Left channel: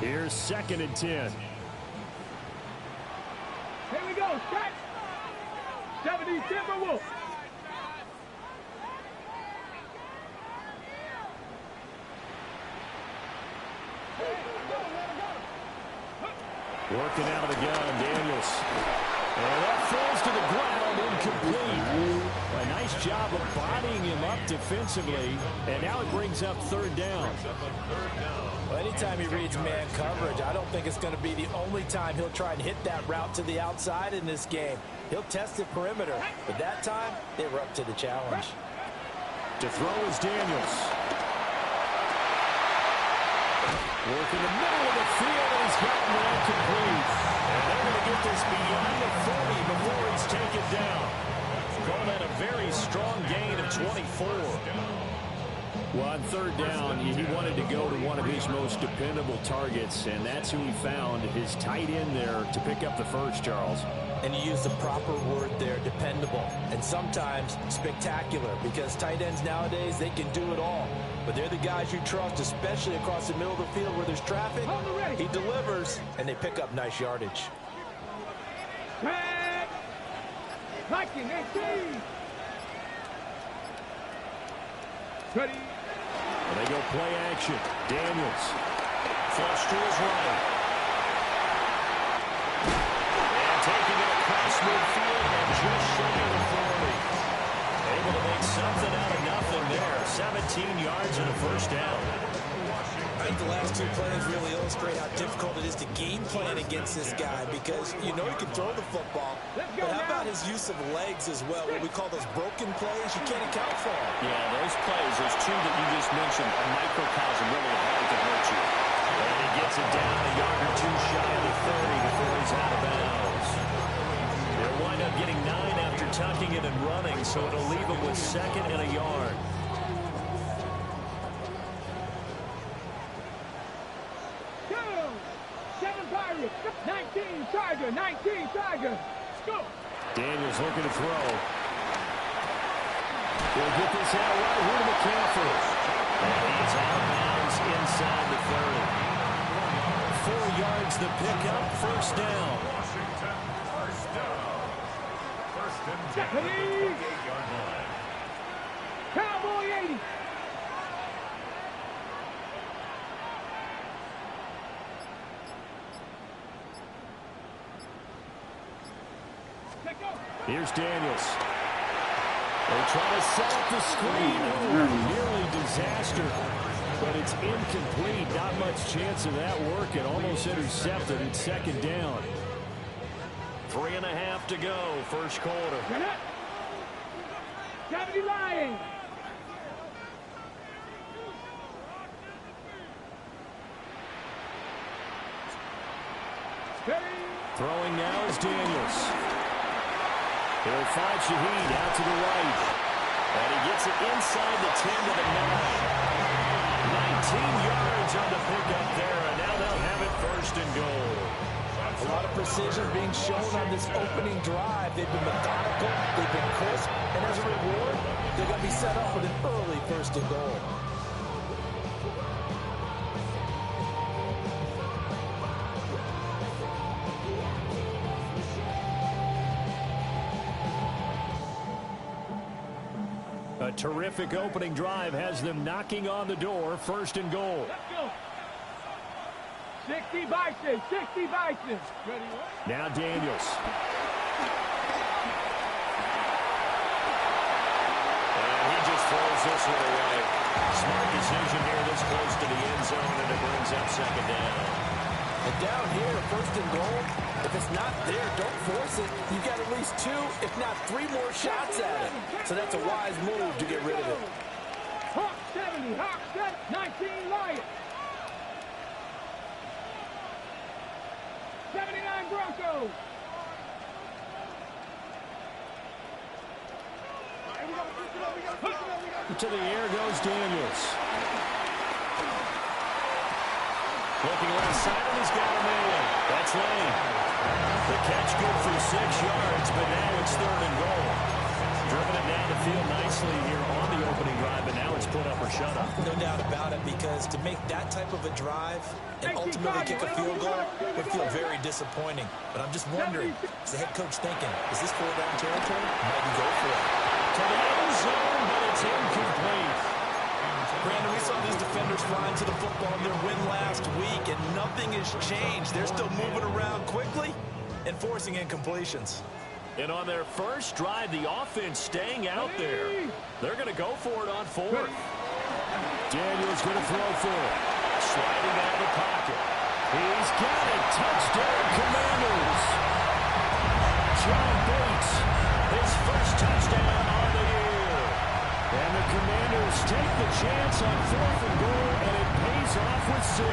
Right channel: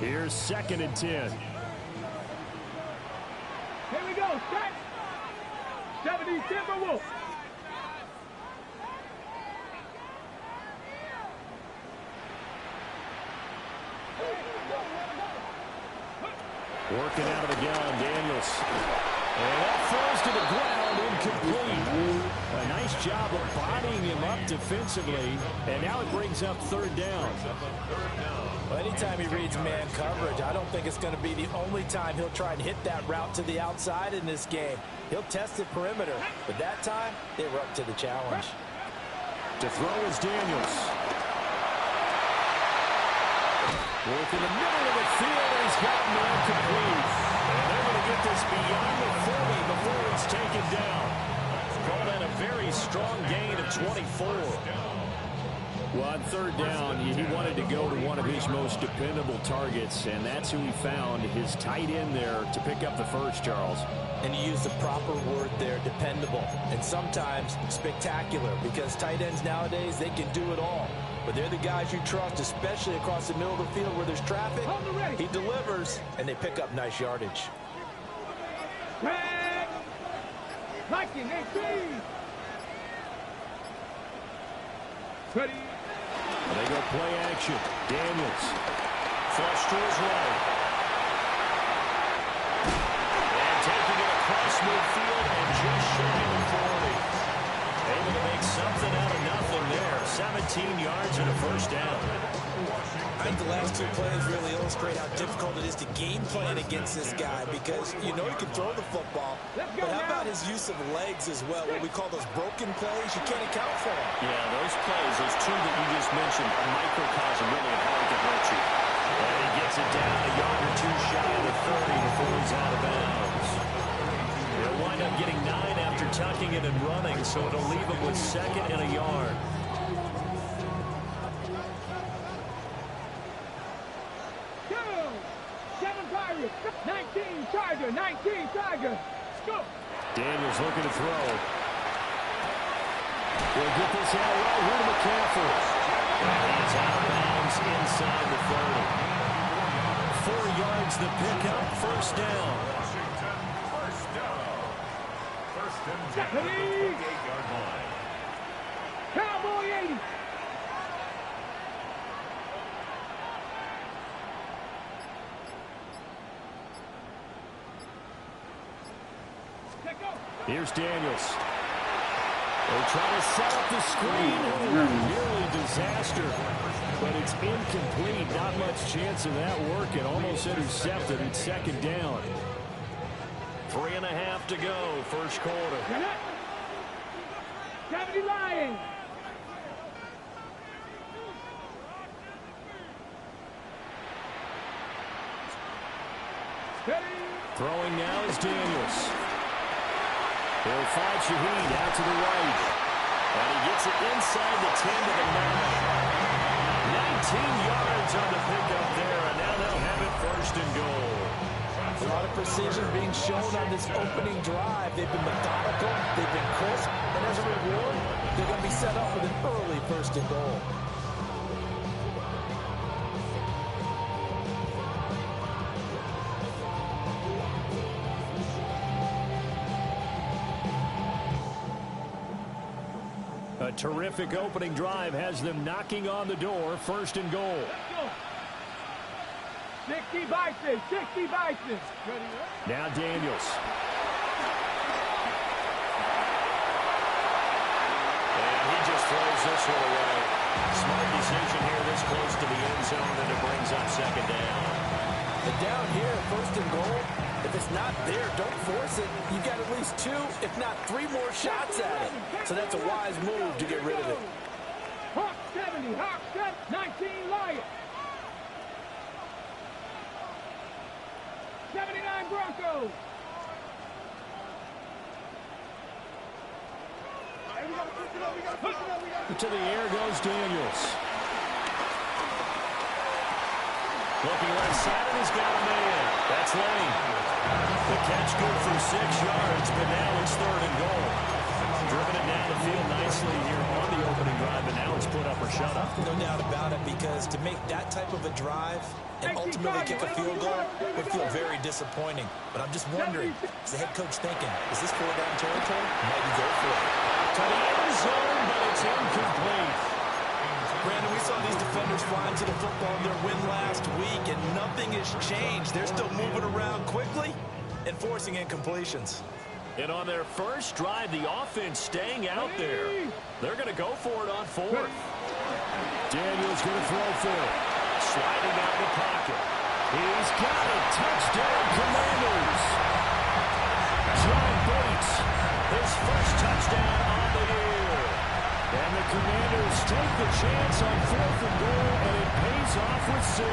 Here's 2nd and 10. Here we go. Set. 70 Timberwolves. Working out of the gun, Daniels. And that falls to the ground, incomplete. A nice job of bodying him up defensively. And now it brings up 3rd down. Well, anytime he reads man coverage, I don't think it's going to be the only time he'll try and hit that route to the outside in this game. He'll test the perimeter, but that time, they were up to the challenge. To throw is Daniels. Working the middle of the field, and he's gotten one complete. And they're going to get this beyond the 40 before he's taken down. Call that a very strong gain of 24. Well, on 3rd down, he wanted to go to one of his most dependable targets, and that's who he found, his tight end there, to pick up the first, Charles. And you use the proper word there, dependable, and sometimes spectacular, because tight ends nowadays, they can do it all. But they're the guys you trust, especially across the middle of the field where there's traffic. He delivers, and they pick up nice yardage. Liking 18. Ready. Well, they go play action. Daniels. Flush to his right. And taking it across midfield and just shy of 40. Able to make something out of nothing there. 17 yards and a first down. I think the last 2 plays really illustrate how difficult it is to game plan against this guy, because you know he can throw the football, but how about his use of legs as well, what we call those broken plays? You can't account for them. Yeah, those plays, those 2 that you just mentioned, a microcosm really of how he can hurt you. And he gets it down a yard or 2 shy of the 30 before he's out of bounds. They'll wind up getting 9 after tucking it and running, so it'll leave him with 2nd and a yard. Go! 7 Pirates. 19 Tiger. 19 Tiger. Let's go. Daniels looking to throw. He'll get this out right here to McCaffrey. And he is out of bounds inside the 30. 4 yards the pickup, first down. Cowboy 80. Here's Daniels. They try to set up the screen. Nearly disaster. But it's incomplete. Not much chance of that working. Almost intercepted. It's 2nd down. 3.5 to go, first quarter. 70 Lions. Throwing now is Daniels. He'll find Shaheed out to the right. And he gets it inside the 10 to the 9. 19 yards on the pickup there, and now they'll have it 1st and goal. A lot of precision being shown on this opening drive. They've been methodical, they've been crisp, and as a reward, they're going to be set up with an early 1st and goal. A terrific opening drive has them knocking on the door, 1st and goal. Let's go. 60 Bison, 60 Bison. Ready? Now Daniels. And he just throws this one away. Smart decision here this close to the end zone, and it brings up 2nd down. And down here, 1st and goal, if it's not there, don't force it. You've got at least 2, if not 3 more shots at it. So that's a wise move to get rid of it. Hawk 70, Hawk 19 Lions. 79 Broncos. To the air goes Daniels. Looking left side, and he's got a man. That's Lane. The catch good for 6 yards, but now it's 3rd and goal. driven it down the field nicely here on the opening drive, but now it's put up or shut up. No doubt about it, because to make that type of a drive and ultimately kick a field goal would feel very disappointing. But I'm just wondering, is the head coach thinking, is this 4-down territory? Might he go for it? To the end zone, but it's incomplete. Brandon, we saw these defenders flying to the football in their win last week, and nothing has changed. They're still moving around quickly and forcing incompletions. And on their first drive, the offense staying out there. They're going to go for it on fourth. Daniel's going to throw for it. Sliding out of the pocket. He's got it. Touchdown, Commanders. John Bates, his first touchdown on the year. And the Commanders take the chance on 4th and goal, and it pays off with 6.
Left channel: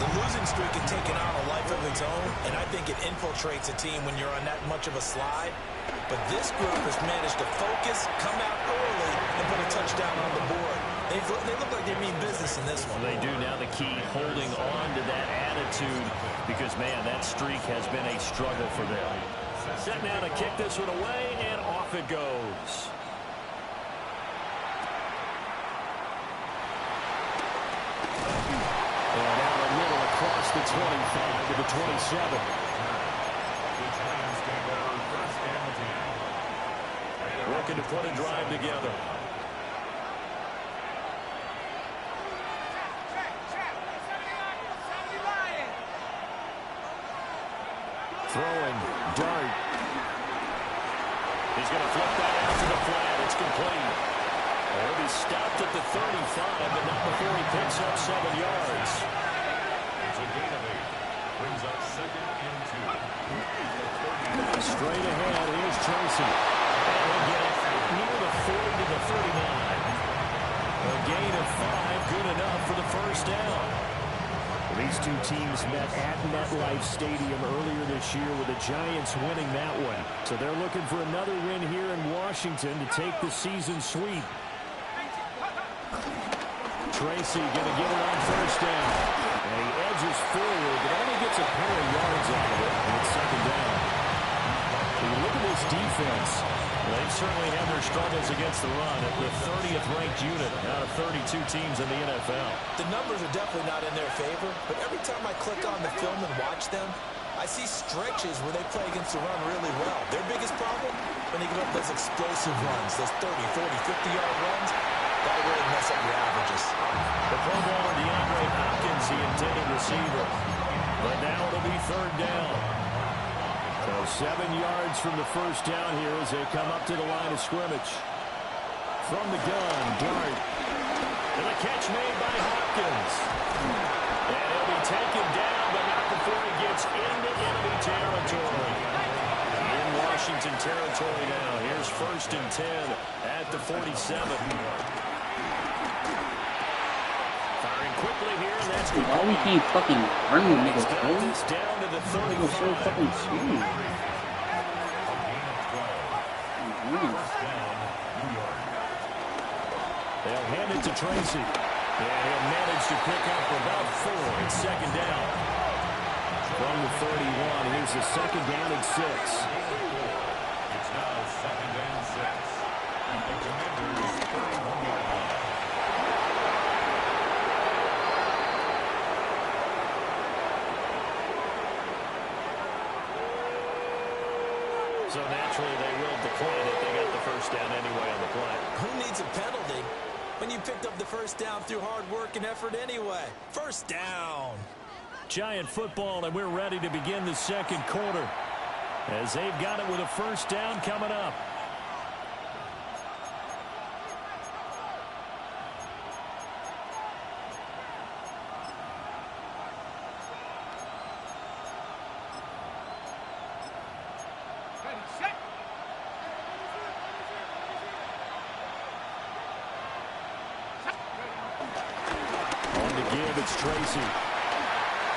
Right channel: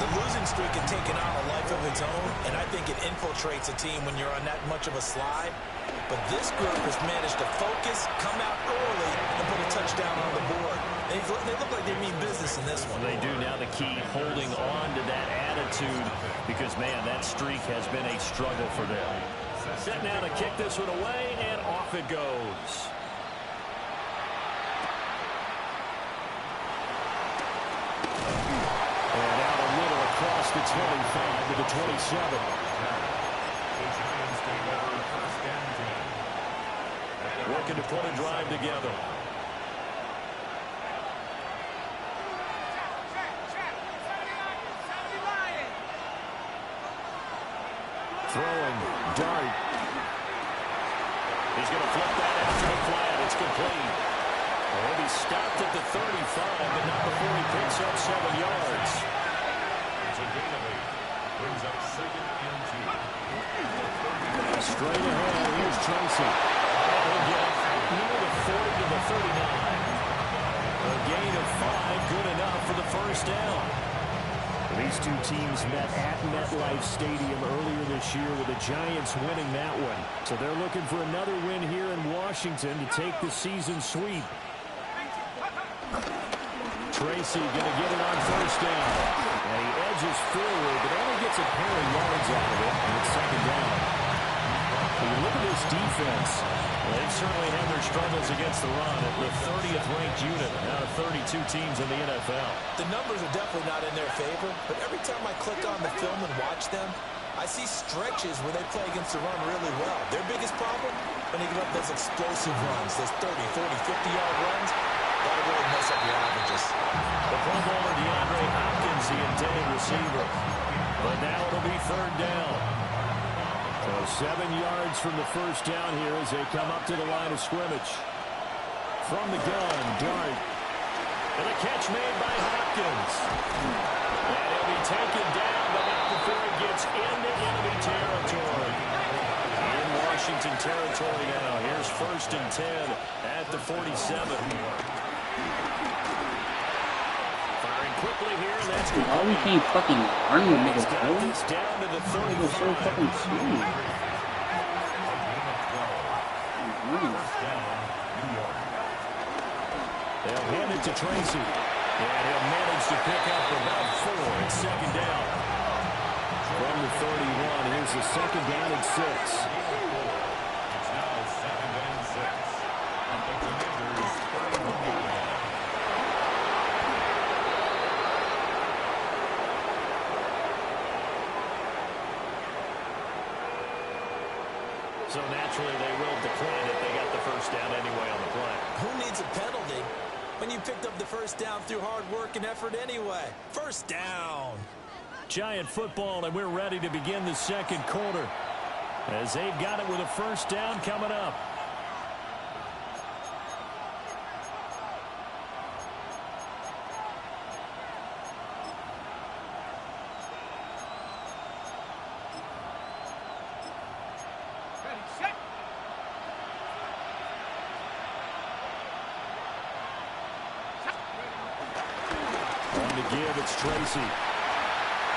The losing streak has taken on a life of its own, and I think it infiltrates a team when you're on that much of a slide. But this group has managed to focus, come out early, and put a touchdown on the board. They look like they mean business in this one. They do. Now the key, holding on to that attitude, because, man, that streak has been a struggle for them. Set now to kick this one away, and off it goes. And out a little across the 25 to the 27. The Giants take over 1st and 10. Looking to put a drive together. Throwing, dart. He's going to flip that out to the flat. It's complete. He'll be stopped at the 35, but not before he picks up 7 yards. It's a gain of 8. Brings up 2nd and 2. Straight ahead, here's Tracy. And he'll get it near the 40 to the 39. A gain of 5, good enough for the first down. These two teams met at MetLife Stadium earlier this year, with the Giants winning that one. So they're looking for another win here in Washington to take the season sweep. Tracy going to get it on 1st down. And he edges forward, but only gets a pair of yards out of it, and it's 2nd down. When you look at this defense, they've certainly had their struggles against the run at the 30th ranked unit out of 32 teams in the NFL. The numbers are definitely not in their favor, but every time I click on the film and watch them, I see stretches where they play against the run really well. Their biggest problem, when they give up those explosive runs, those 30, 40, 50-yard runs, that'll really mess up your averages. The Pro Bowler DeAndre Hopkins, the intended receiver. But now it'll be 3rd down. So 7 yards from the first down here as they come up to the line of scrimmage. From the gun, Dart. And the catch made by Hopkins. And he'll be taken down, but not before he gets into enemy territory. In Washington territory now. Here's 1st and 10 at the 47. Firing quickly here, and that's good. Why we can't fucking run with He's niggas, got bro? this down to the They go so 35. fucking slow. They'll hand it to Tracy. And he'll manage to pick up about 4. It's 2nd down. From the 31, here's the 2nd down and 6. It's now 2nd and 6. At the Commanders' 31-yard line. So naturally they will decline it. They got the first down anyway on the play. Who needs a penalty when you picked up the first down through hard work and effort anyway? First down. Giant football, and we're ready to begin the 2nd quarter as they've got it with a first down coming up. Ready, set. On to give, it's Tracy.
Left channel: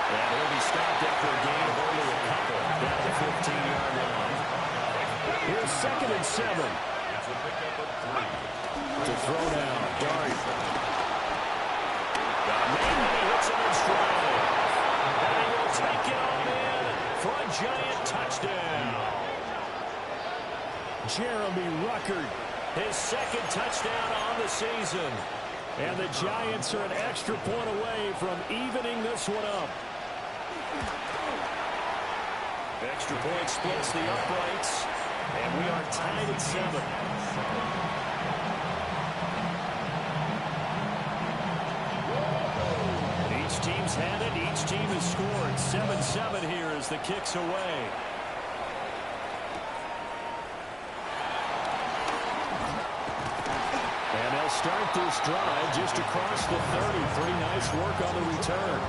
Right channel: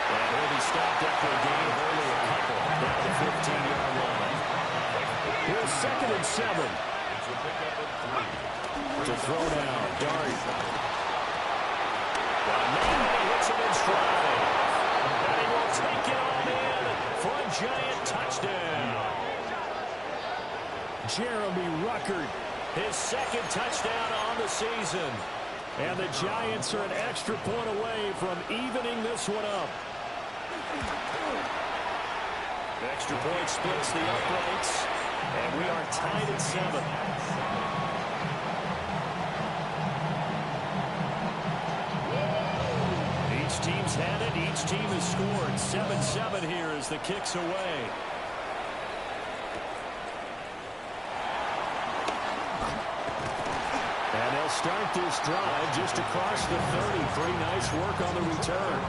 And he'll be stopped after a gain of only a couple down the 15-yard line. Here's 2nd and 7. It's a pickup of 3. To throw down, Dart. Got a man, and he hits him in stride. And he will take it on in for a Giant touchdown. Jeremy Ruckert, his second touchdown on the season. And the Giants are an extra point away from evening this one up. Extra point splits the uprights, and we are tied at 7. Each team's had it. Each team has scored. 7-7 here as the kick's away. And they'll start this drive just across the 30. Pretty nice work on the return.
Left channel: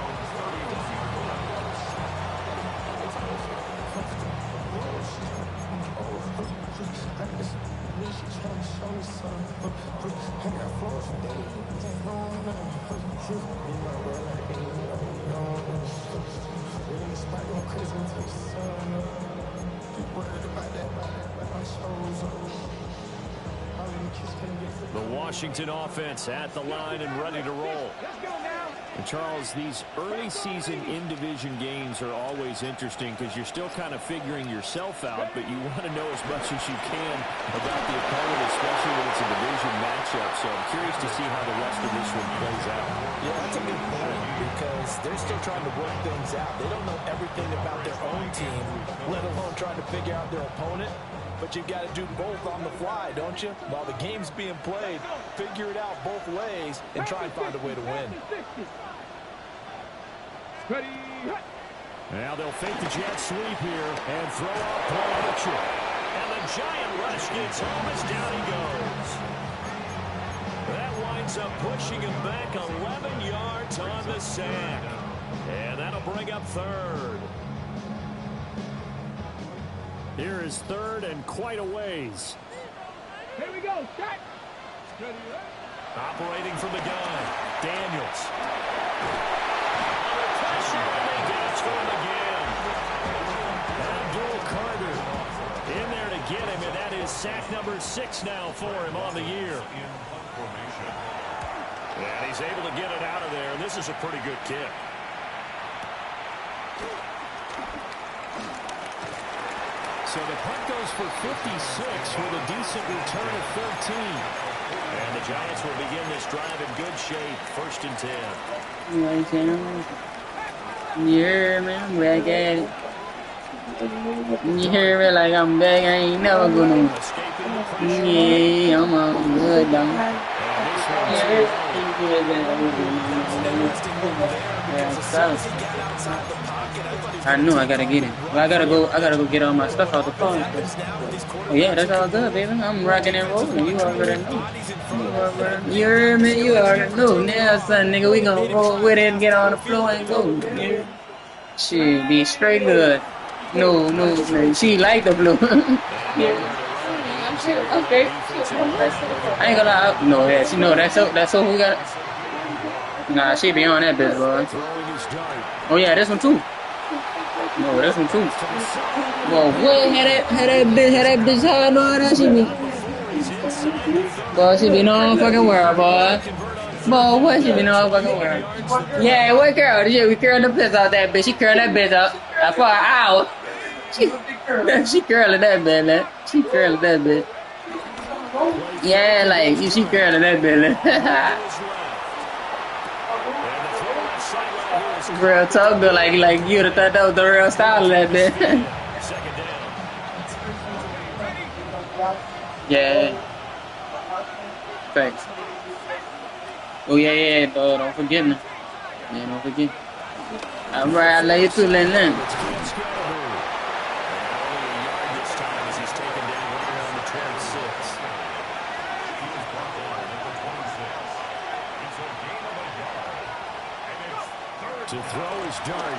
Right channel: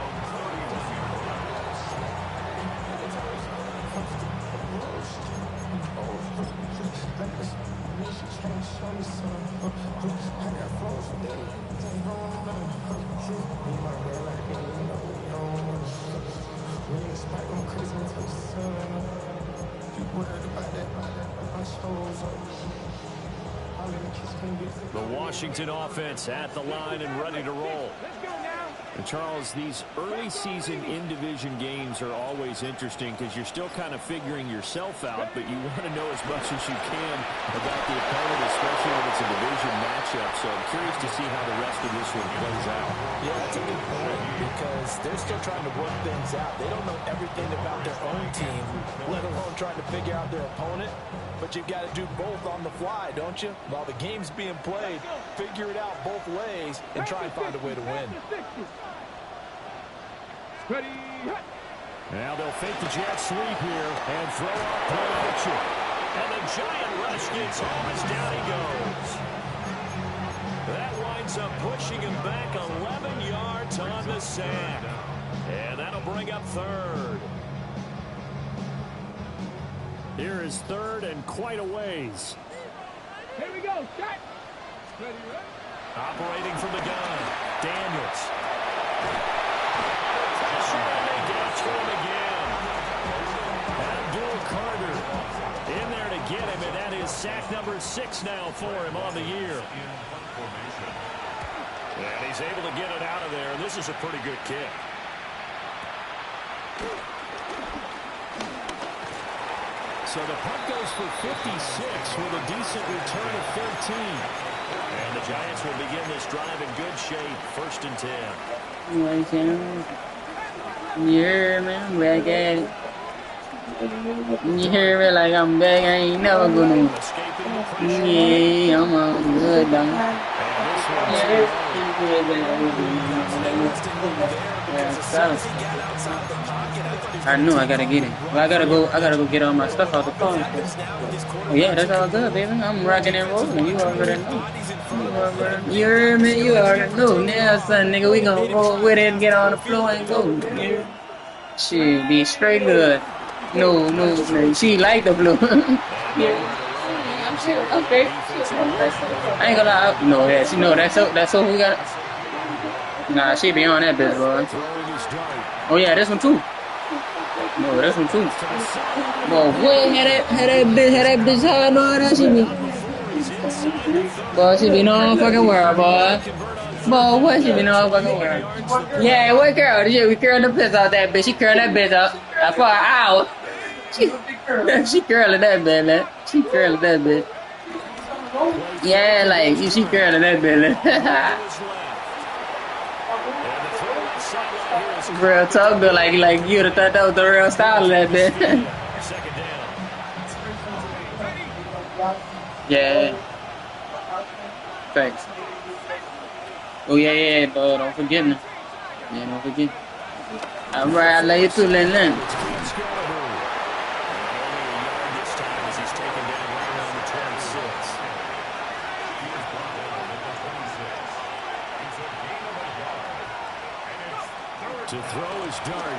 The Washington offense at the line and ready to roll. And Charles, these early season in-division games are always interesting because you're still kind of figuring yourself out, but you want to know as much as you can about the opponent, especially when it's a division matchup. So I'm curious to see how the rest of this one plays out. Yeah, that's a good point because they're still trying to work things out. They don't know everything about their own team, let alone trying to figure out their opponent. But you've got to do both on the fly, don't you? While the game's being played, figure it out both ways and try and find a way to win. Now they'll fake the jet sweep here and throw off play action. And the giant rush gets home as down he goes. That winds up pushing him back 11 yards on the sack. And that'll bring up third. Here is third and quite a ways. Here we go. Shot. Operating from the gun. Daniels. Under pressure, and they get to him again. Abdul Carter in there to get him, and that is sack number 6 now for him on the year. And he's able to get it out of there. This is a pretty good kick. So the punt goes for 56 with a decent return of 13. And the Giants will begin this drive in good shape. 1st and 10. Yeah, man, I'm back at it. You hear me like I'm back, I ain't never gonna. Yeah, I'm all good, though. I know I gotta get it. Well, I gotta go get all my stuff out the car. Oh yeah, that's all good, baby. I'm rocking and rolling. You already know. You heard me? You already know. Now, son, nigga, we gonna roll with it and get on the floor and go. Yeah. Shit, be straight good. No. She like the blue. Yeah. Okay. I ain't gonna lie. No, yeah, she know that's so we got. Nah, she be on that bitch, boy. Oh yeah, this one too. No, this one too. Boy, what had that bitch hard on that she be. Boy, she be no fucking world, boy. Boy, what she be no fucking world. Yeah, what girl? Yeah, we curled the piss out that bitch. She curled that bitch up for an hour. She curling that bitch, man. She curling that bitch. Yeah, like she curling that bitch. Real talk, though, like you'd have thought that was the real style of that bitch. Yeah. Thanks. Oh yeah, though, don't forget me. Yeah, don't forget. Alright, I love you too, Lin. To throw his dart.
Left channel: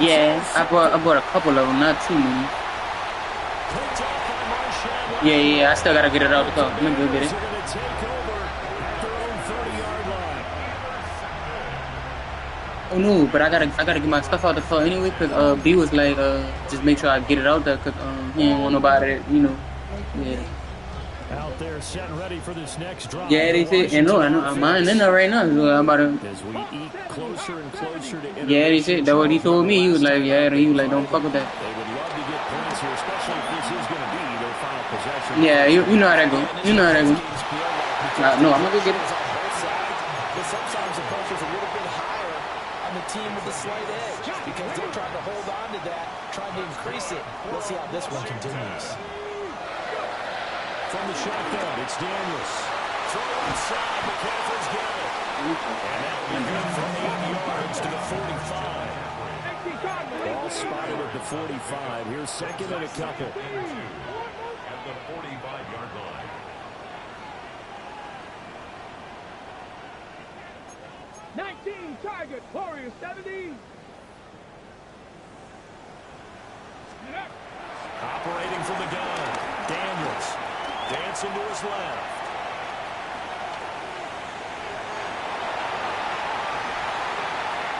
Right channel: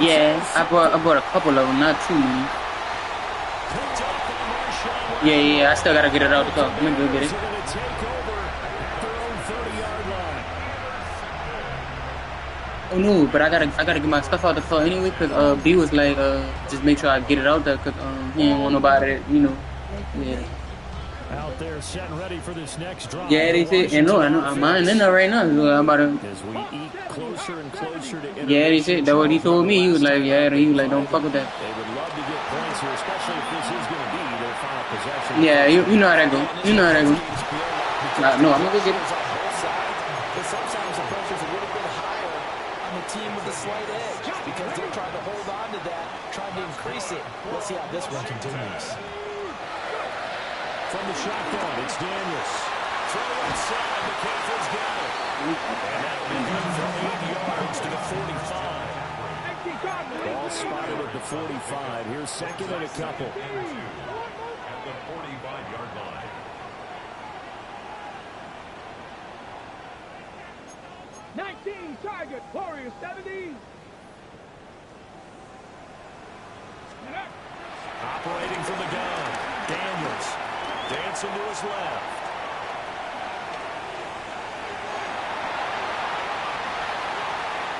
Yeah, I bought a couple of them, not too many. Yeah, I still gotta get it out the car. Let me go get it. Oh no, but I gotta get my stuff out the car anyway, cause B was like, just make sure I get it out there, cause he didn't want nobody, you know. Yeah. Out there set and ready for this next drive. Yeah, they said, and no, I'm mine in there right now. So I'm about to. As we eat closer and closer to Yeah, they said that's what he told me. He was like, yeah, he was like, don't fuck with that. They would love to get points here, especially if this is going to be their final possession. Yeah, you know how that go. You know how that go. No, I'm gonna go get it. But sometimes the pressure's a little bit higher on the team with a slight edge because they're trying to hold on to that, trying to increase it. Let's see how this one continues. From the shotgun, it's Daniels. Throw inside, McCaffrey's got it. And that'll be good for 8 yards to the 45. Ball spotted at the 45. Here's second and a couple. At the 45-yard line. Target, Warriors 70. Operating from the gun, Daniels. Dancing to his left.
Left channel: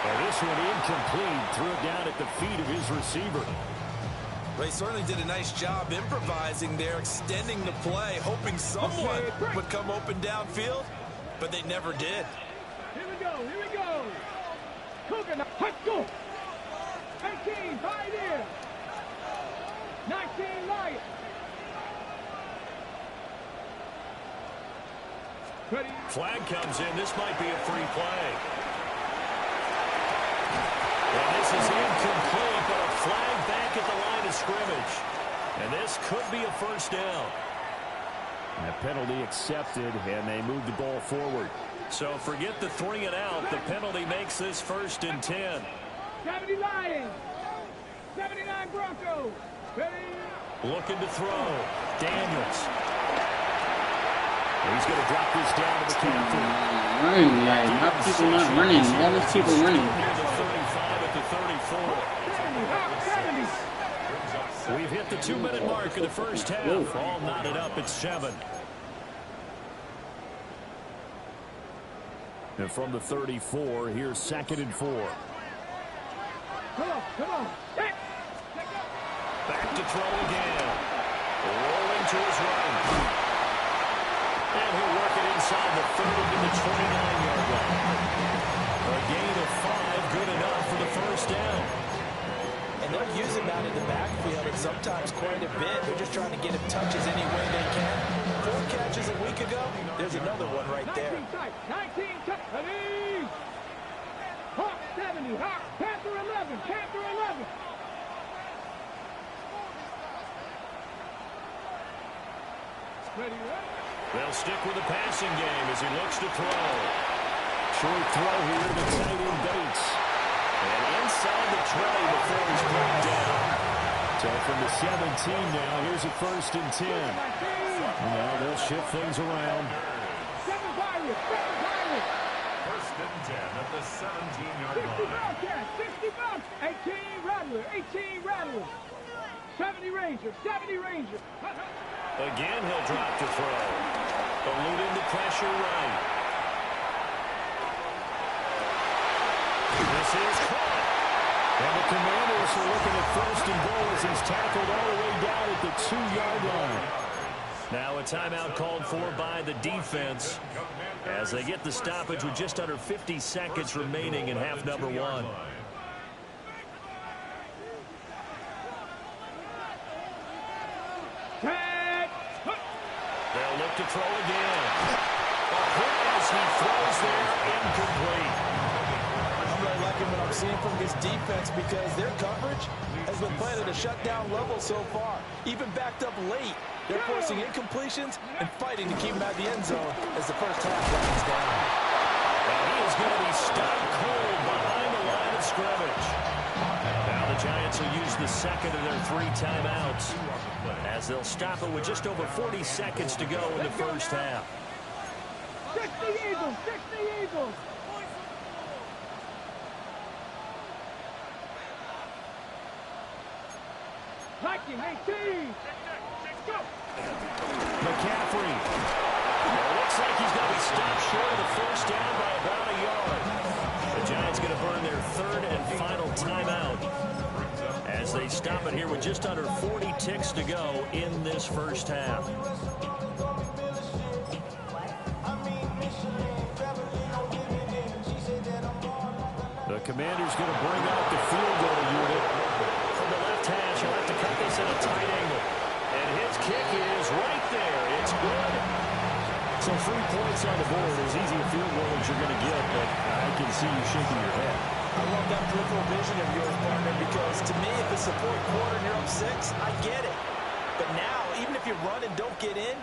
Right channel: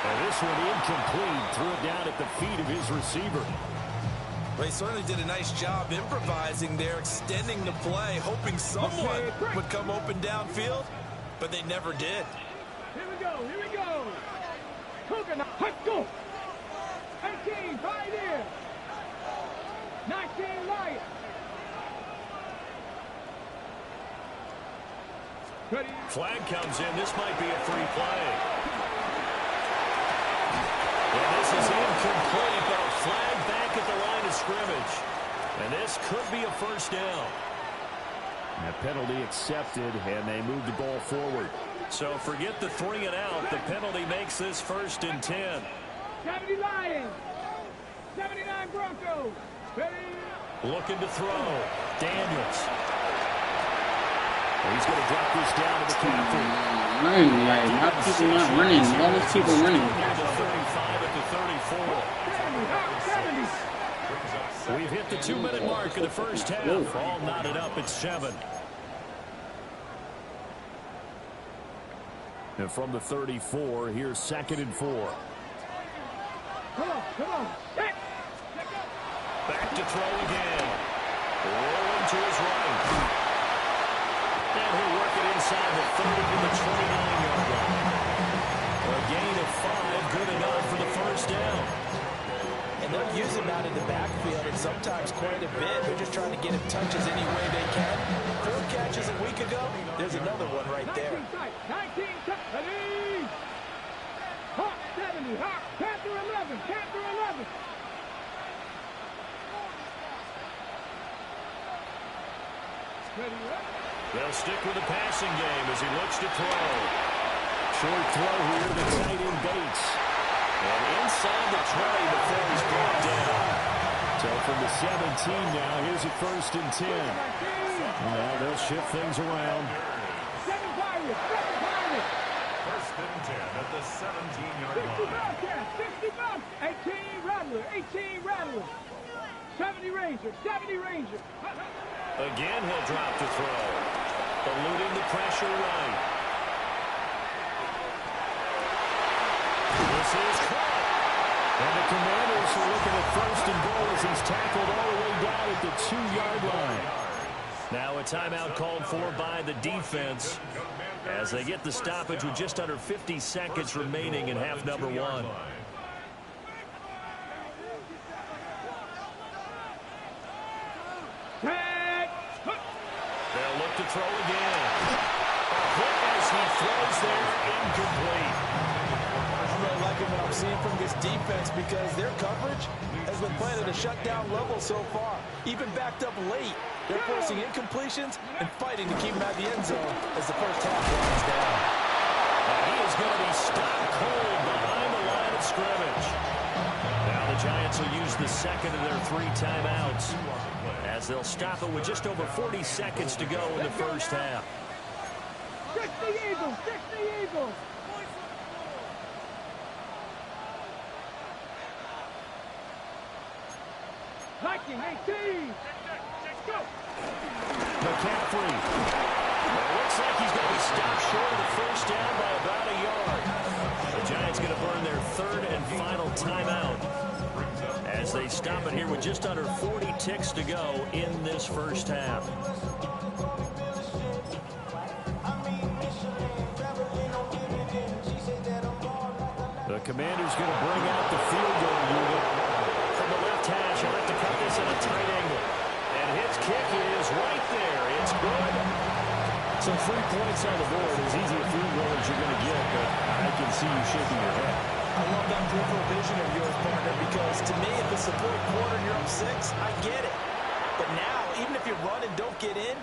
And this one incomplete. Threw it down at the feet of his receiver. They certainly did a nice job improvising there, extending the play, hoping someone would come open downfield, but they never did. Here we go, here we go. Coconut, let's go. 18, right here. 19, Lion. Ready. Flag comes in. This might be a free play. And this is incomplete, but a flag back at the line of scrimmage. And this could be a first down. That penalty accepted, and they move the ball forward. So forget the 3 and out. The penalty makes this 1st and 10. 70 Lions. 79 Broncos. Ready. Looking to throw. Daniels. He's going to drop this down to McCaffrey. Running, like, how people not running? All these people running. Near the 35 at the 34. We've hit the 2-minute mark of the first half. Whoa. All knotted up at 7. And from the 34, here's 2nd and 4. Come on. Back to throw again. Rolling to his right. And he'll work it inside the 30 to the 29-yard line. A gain of 5, good enough for the first down. And they're using that in the backfield and sometimes quite a bit. They're just trying to get him touches any way they can. 4 catches a week ago. There's another one right there. 19 touch. Ready. Hawk 70. Hawk. Panther 11. Panther 11. Ready. They'll stick with the passing game as he looks to throw. Short throw here to tight end Bates. And inside the tray before he's brought down. So from the 17 now, here's a 1st and 10. Now they'll shift things around. 7 Pirates. 7 Pirates. 1st and 10 at the 17-yard 60 line. Bobcats. 60 Bobcats. 18 Rattler. 18 Rattler. 70 Ranger. 70 Ranger. Again, he'll drop to throw. Eluding the pressure right. This is caught. And the Commanders are looking at 1st and goal as he's tackled all the way down at the 2-yard line. Now a timeout called for by the defense as they get the stoppage with just under 50 seconds remaining in half number 1. They'll look to throw again. A hit as he throws there, incomplete. I'm really liking what I'm seeing from this defense because their coverage has been playing at a shutdown level so far. Even backed up late, they're forcing incompletions and fighting to keep him out of the end zone as the first half winds down. And he is going to be stopped cold behind the line of scrimmage. Now the Giants will use the 2nd of their 3 timeouts as they'll stop it with just over 40 seconds to go in the first half. 60 Eagles. 60 Eagles. Viking 18. Go. McCaffrey. It looks like he's going to be stopped short of the first down by about a yard. The Giants going to burn their 3rd and final timeout as they stop it here with just under 40 ticks to go in this first half. Commander's going to bring out the field goal unit. From the left hash, he'll have to cut this at a tight angle. And his kick is right there. It's good. So 3 points on the board, as easy a field goal as you're going to get, but I can see you shaking your head. I love that peripheral vision of yours, partner, because to me, if it's the fourth quarter and you're up 6, I get it. But now, even if you run and don't get in,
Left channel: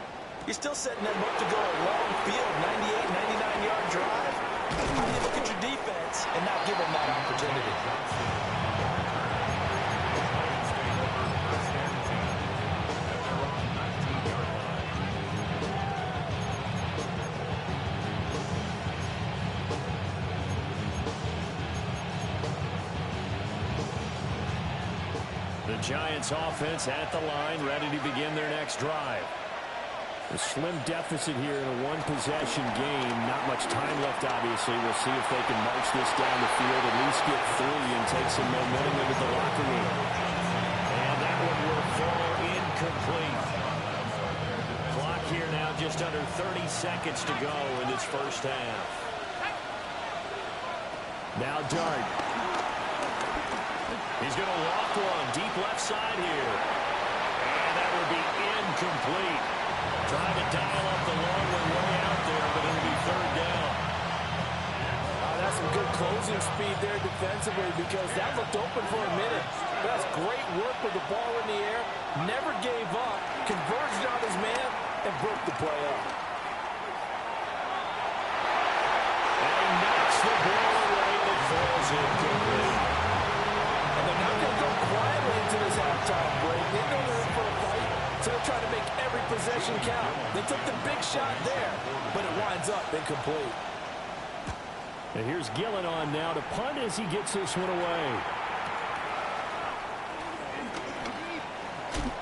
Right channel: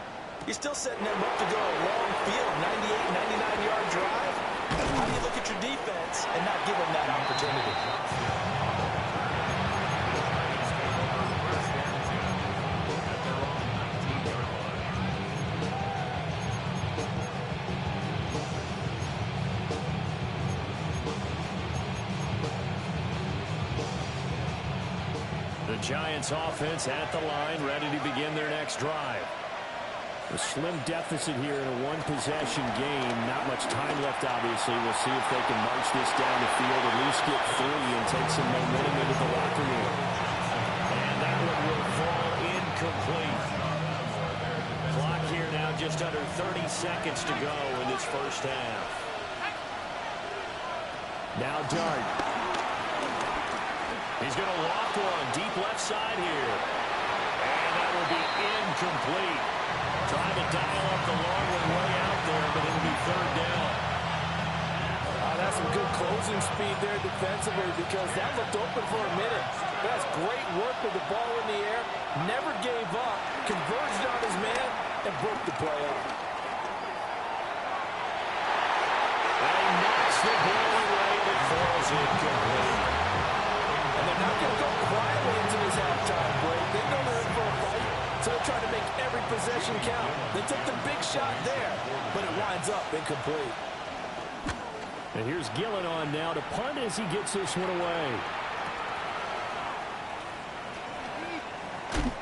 you're still setting them up to go a long field, 98, 99-yard drive. How do you look at your defense and not give them that opportunity? The Giants offense at the line, ready to begin their next drive. A slim deficit here in a one-possession game. Not much time left, obviously. We'll see if they can march this down the field, at least get 3 and take some momentum into the locker room. And that one will fall incomplete. Clock here now just under 30 seconds to go in this first half. Now Dart. He's going to loft one deep left side here. And that will be incomplete. Trying to dial up the long one way out there, but it'll be 3rd down. That's some good closing speed there defensively, because that looked open for a minute. That's great work with the ball in the air. Never gave up, converged on his man, and broke the play up. And he knocks the ball away, and it falls incomplete. And they're not going to go quietly into this halftime break. They know they're in for a fight, so they're trying to make every possession count. They took the big shot there, but it winds up incomplete. And here's Gillen on now to punt as he gets this one away.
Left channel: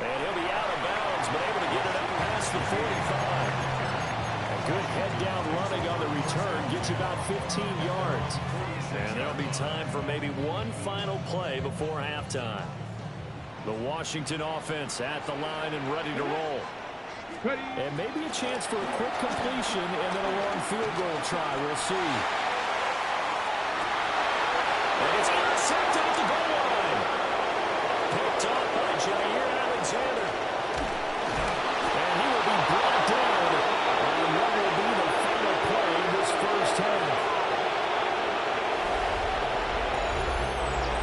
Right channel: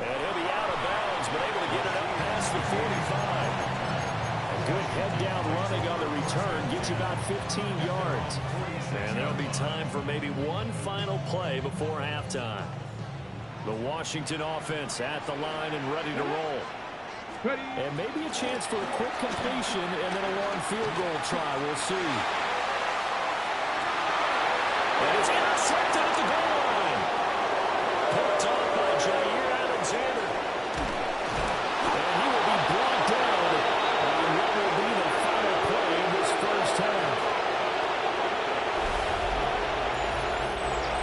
And he'll be out of bounds, but able to get it up past the 45. A good head-down running on the return gets you about 15 yards. And there'll be time for maybe one final play before halftime. The Washington offense at the line and ready to roll. And maybe a chance for a quick completion and then a long field goal try. We'll see. And it's intercepted at the goal line. Picked off by Jair Alexander. And he will be brought down on what will be the final play this first half.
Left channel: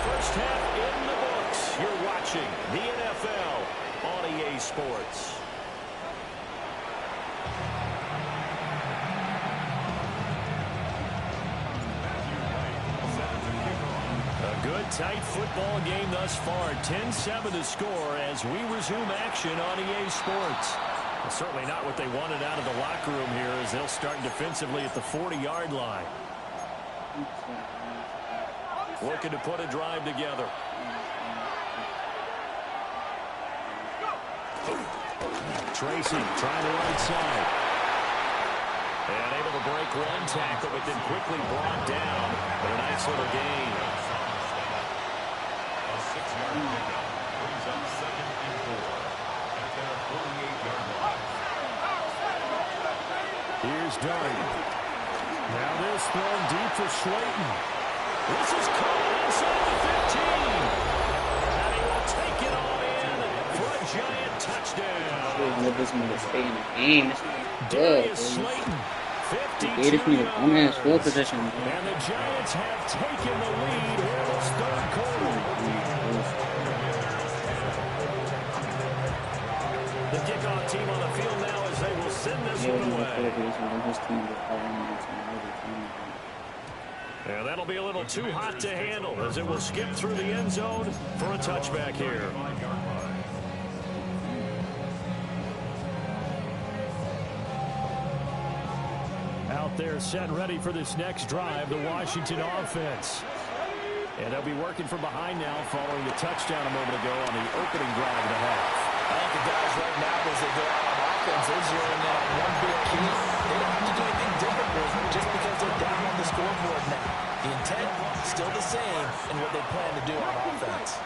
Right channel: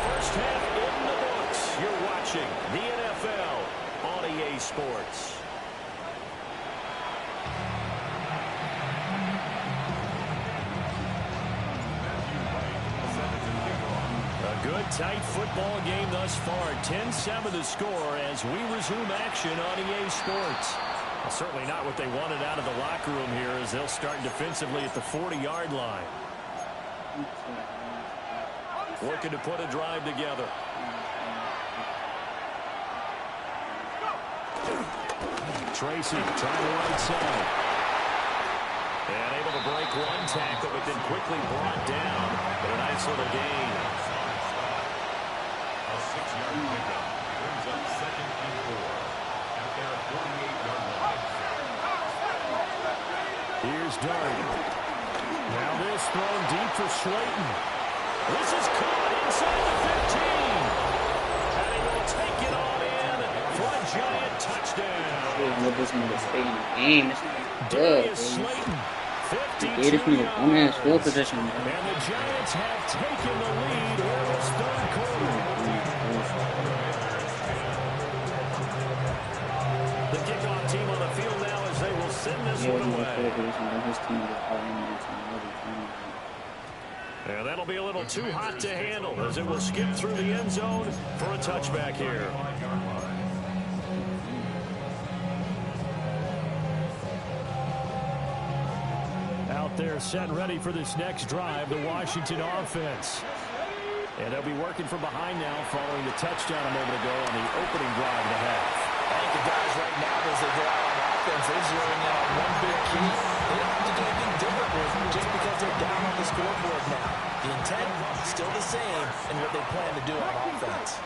First half in the books. You're watching the NFL on EA Sports. A good, tight football game thus far. 10-7 to score as we resume action on EA Sports. Well, certainly not what they wanted out of the locker room here, as they'll start defensively at the 40-yard line. Looking to put a drive together. Tracy trying the right side. And able to break one tackle, but then quickly brought down. But a nice little gain. A 6-yard pickup brings up 2nd and 4 at their 48-yard line. Here's Dart. Now this thrown deep for Slayton. This is caught inside the 15. And he will take it on in for a Giant touchdown. This nigga stay in the game. This nigga good, Slayton, 52 this nigga on his field position. And the Giants have taken the lead here in this 3rd quarter. The kickoff team on the field now as they will send this one away. And that'll be a little too hot to handle as it will skip through the end zone for a touchback here. Out there set ready for this next drive, the Washington offense. And they'll be working from behind now following the touchdown a moment ago on the opening drive of the half. I think the guys right now, as they go out on offense, they're zeroing in on one big key. They don't have to do anything different just because they're down on the scoreboard now. The intent still the same in what they plan to do on offense.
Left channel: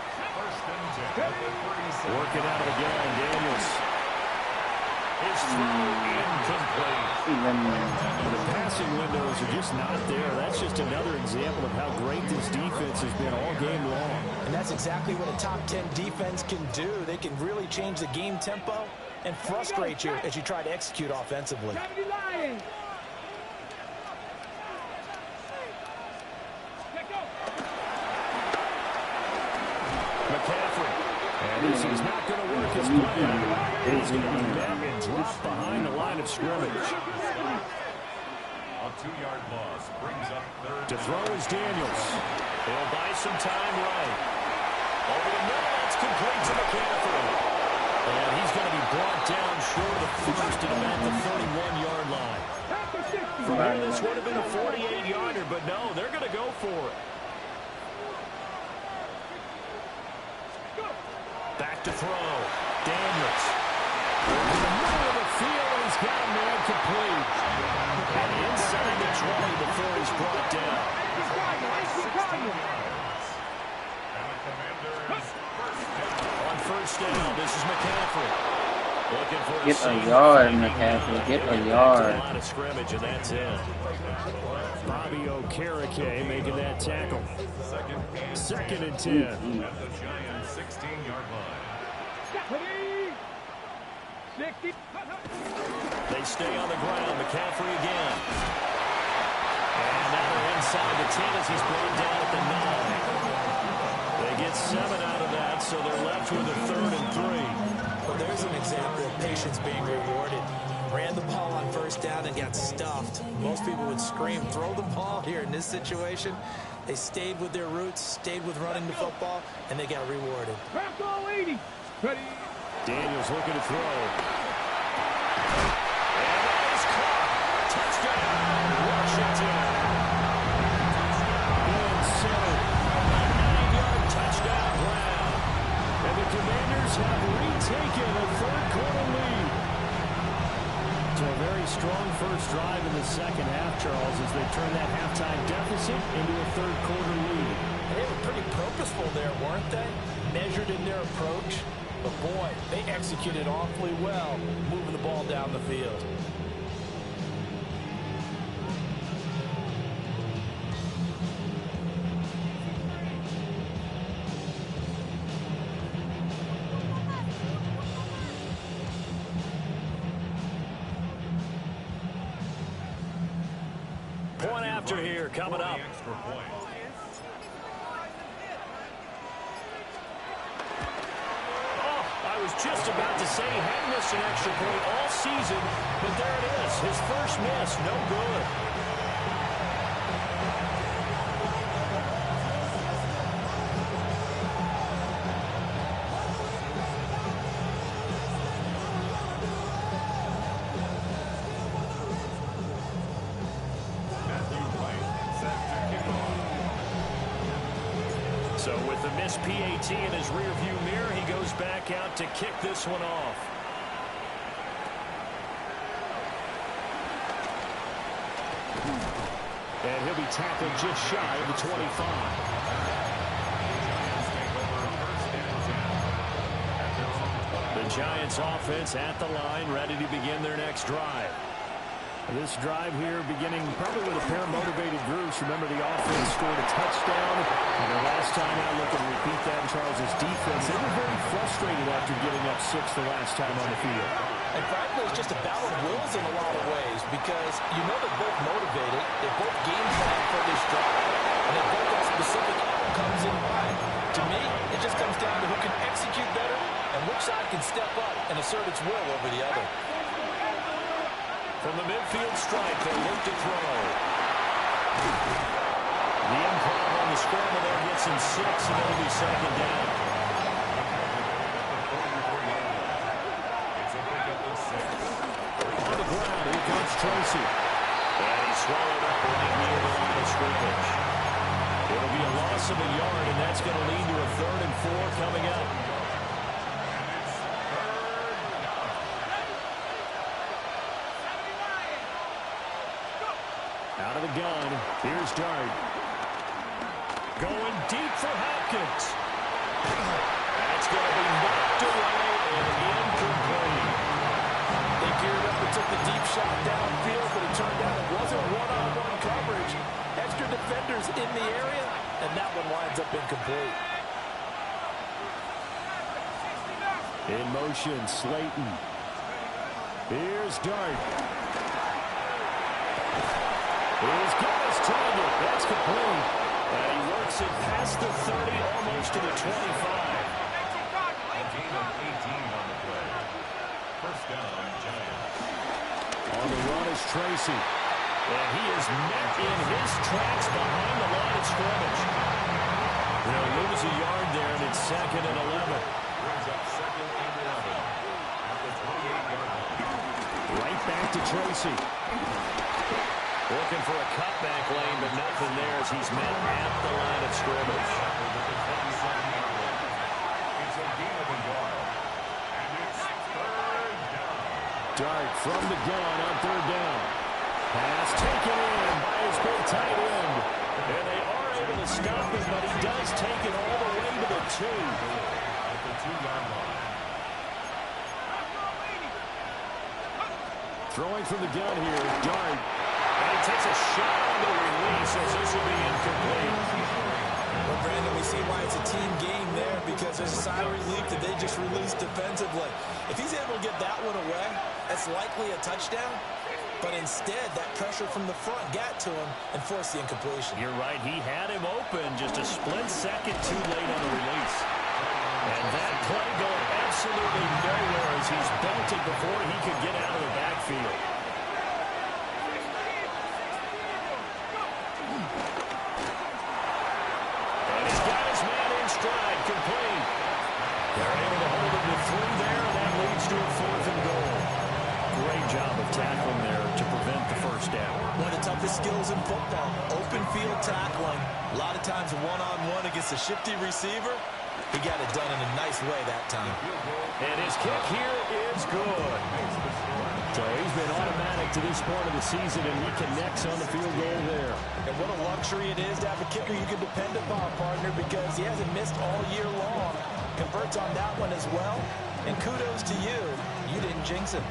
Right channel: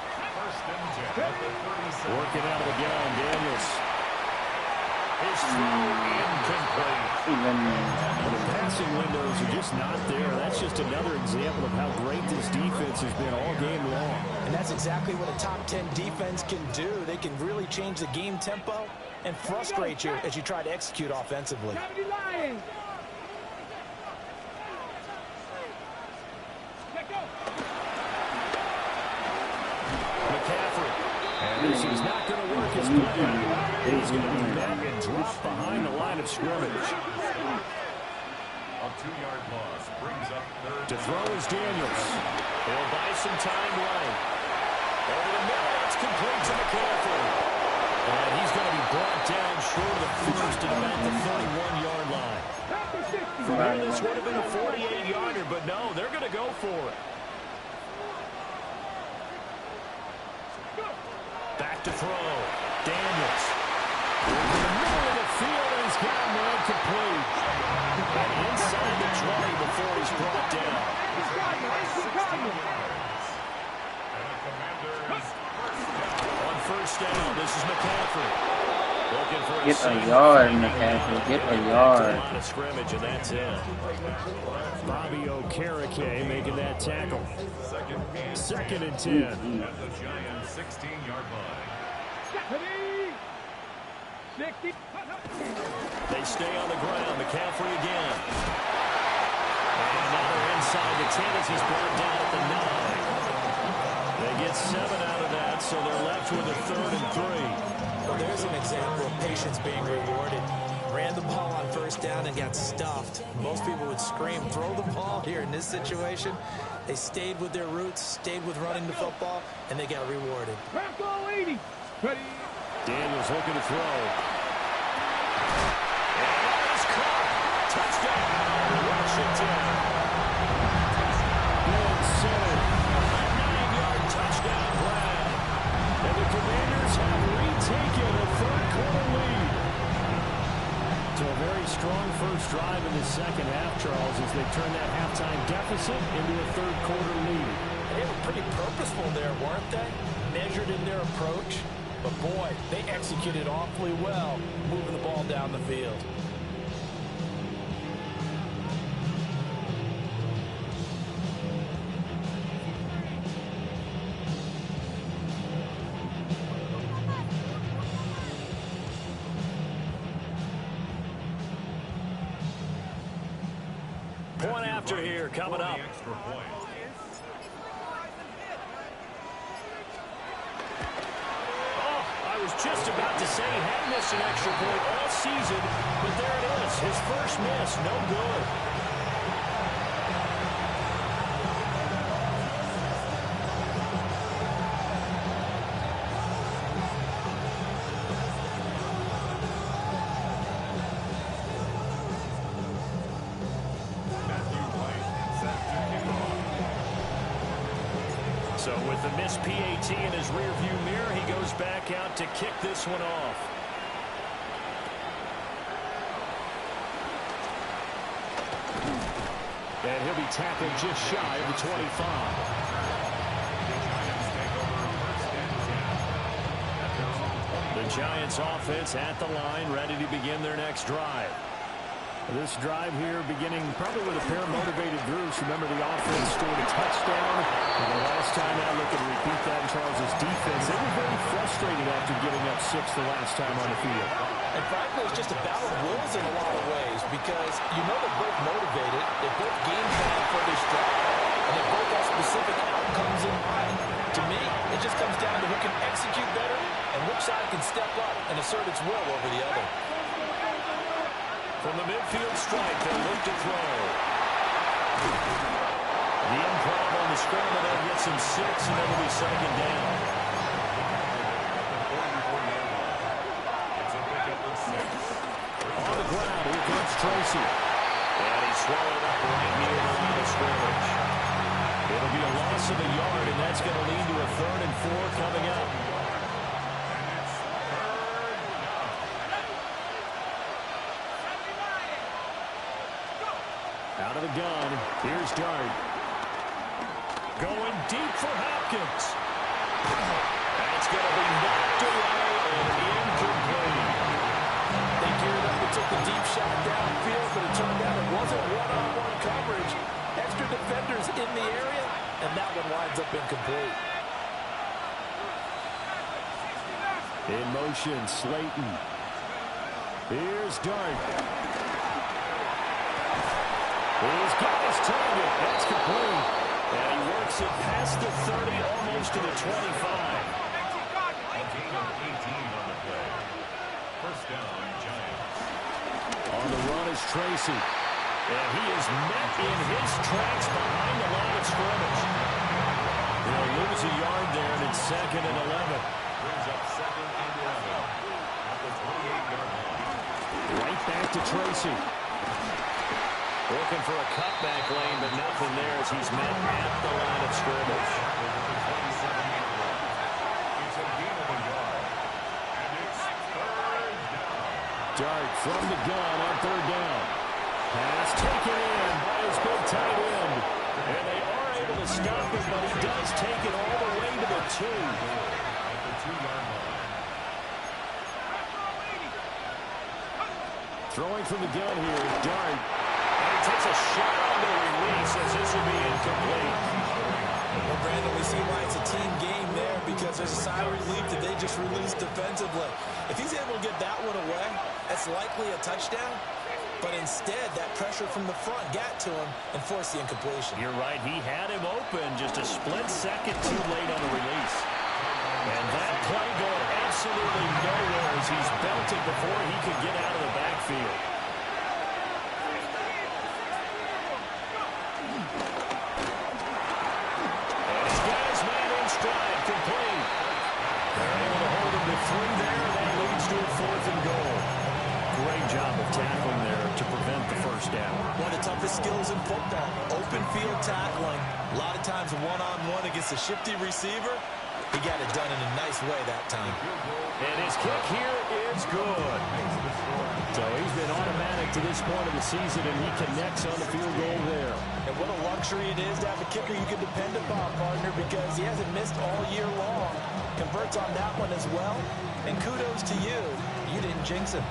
Working out of the gun, Daniels. His throw incomplete. The passing windows are just not there. That's just another example of how great this defense has been all game long. And that's exactly what a top 10 defense can do. They can really change the game tempo and frustrate you as you try to execute offensively. McCaffrey. And this is not going to work as planned. He's going to be met and dropped behind the line of scrimmage. A 2-yard loss brings up third. To throw is Daniels. He'll buy some time right. Over the middle, that's complete to McCaffrey. And he's going to be brought down short of the first at about the 31-yard line. From here, this would have been a 48-yarder, but no, they're going to go for it. Back to throw. Daniels. In the middle of the field, and he's got a man complete. And inside the 20 before he's brought down. On first down, this is McCaffrey. Looking for Get a yard, McCaffrey. Get a yard. Line of scrimmage, and that's it. Bobby Okereke making that tackle. Second and 10. At the Giants' 16-yard line. They stay on the ground. McCaffrey again. And now they're inside the 10 as he's brought down at the 9. They get 7 out of that, so they're left with a 3rd and 3. Well, there's an example of patience being rewarded. Ran the ball on first down and got stuffed. Most people would scream, throw the ball here in this situation. They stayed with their roots, stayed with running the football, and they got rewarded. Daniels looking to throw. And that is caught. Touchdown, Washington. Centered. A 9-yard touchdown grab. And the Commanders have retaken a third-quarter lead. So a very strong first drive in the second half, Charles, as they turn that halftime deficit into a third-quarter lead. And they were pretty purposeful there, weren't they? Measured in their approach. But, boy, they executed awfully well moving the ball down the field. Point after here coming up. Extra point. I was just about to say he hadn't missed an extra point all season, but there it is. His first miss, no good. So with the missed PAT in his rearview mirror, he goes back out to kick this one off. And he'll be tackled just shy of the 25. The Giants offense at the line, ready to begin their next drive. This drive here beginning probably with a pair of motivated groups. Remember, the offense scored a touchdown. And the last time out, look and repeat that in Charles's defense. They were very frustrated after giving up 6 the last time on the field. And frankly, it's just a battle of wills in a lot of ways because you know they're both motivated. They both game plan for this drive. And they both have specific outcomes in mind. To me, it just comes down to who can execute better and which side can step up and assert its will over the other. From the midfield stripe, they look to throw. The improv on the scramble there gets him 6, and it'll be second down. It's a pickup of 6. On the ground, here comes Tracy. And he's swallowed up right near the line of scrimmage. It'll be a loss of a yard, and that's going to lead to a 3rd and 4 coming up. Out of the gun, here's Dart. Going deep for Hopkins. That's going to be knocked away and incomplete. They geared up and took the deep shot downfield, but it turned out it wasn't one-on-one coverage. Extra defenders in the area, and that one winds up incomplete. In motion, Slayton. Here's Dart. He's got his target. That's complete. And he works it past the 30, almost to the 25. A gain of 18 on the play. First down, Giants. On the run is Tracy. And he is met in his tracks behind the line of scrimmage. They'll lose a yard there, and it's 2nd and 11. Brings up 2nd and 11 at the 28-yard line. Right back to Tracy. Looking for a cutback lane, but nothing there as he's met at the line of scrimmage. At the 27-yard line. It's a gain of a yard. And it's 3rd down. Dart from the gun on 3rd down. Pass taken in by his big tight end. And they are able to stop him, but he does take it all the way to the 2. At the 2-yard line. Throwing from the gun here is Dart. And he takes a shot on the release as this will be incomplete. Well, Brandon, we see why it's a team game there, because there's a sigh of relief that they just released defensively. If he's able to get that one away, that's likely a touchdown. But instead, that pressure from the front got to him and forced the incompletion. You're right. He had him open just a split second too late on the release. And that play going absolutely nowhere as he's belted before he could get out of the backfield. And he's got his man in stride, complete. They're able to hold him to 3 there, and that leads to a 4th and goal. Great job of tackling there to prevent the first down. One of the toughest skills in football, open field tackling. A lot of times one-on-one against a shifty receiver. He got it done in a nice way that time. And his kick here is good. So he's been automatic to this point of the season, and he connects on the field goal there. And what a luxury it is to have a kicker you can depend upon, partner, because he hasn't missed all year long. Converts on that one as well. And kudos to you. You didn't jinx him.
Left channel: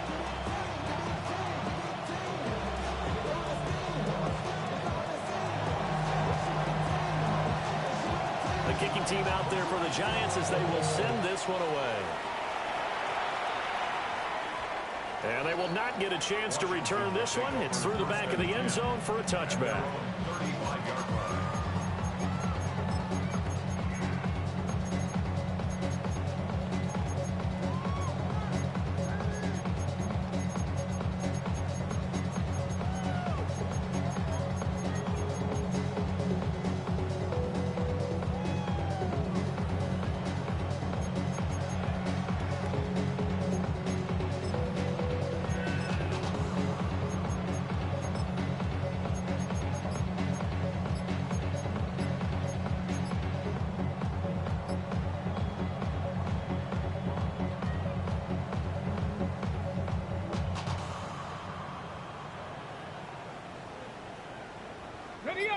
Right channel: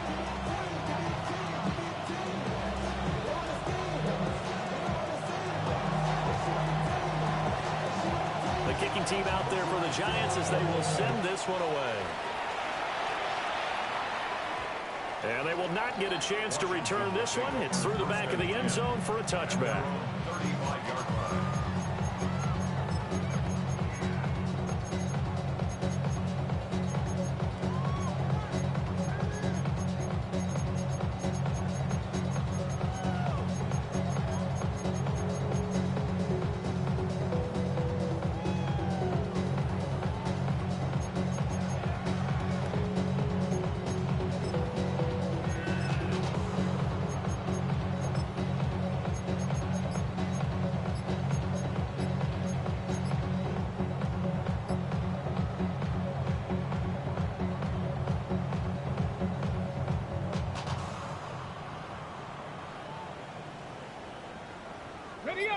The kicking team out there for the Giants as they will send this one away. And they will not get a chance to return this one. It's through the back of the end zone for a touchback. 35-yard line.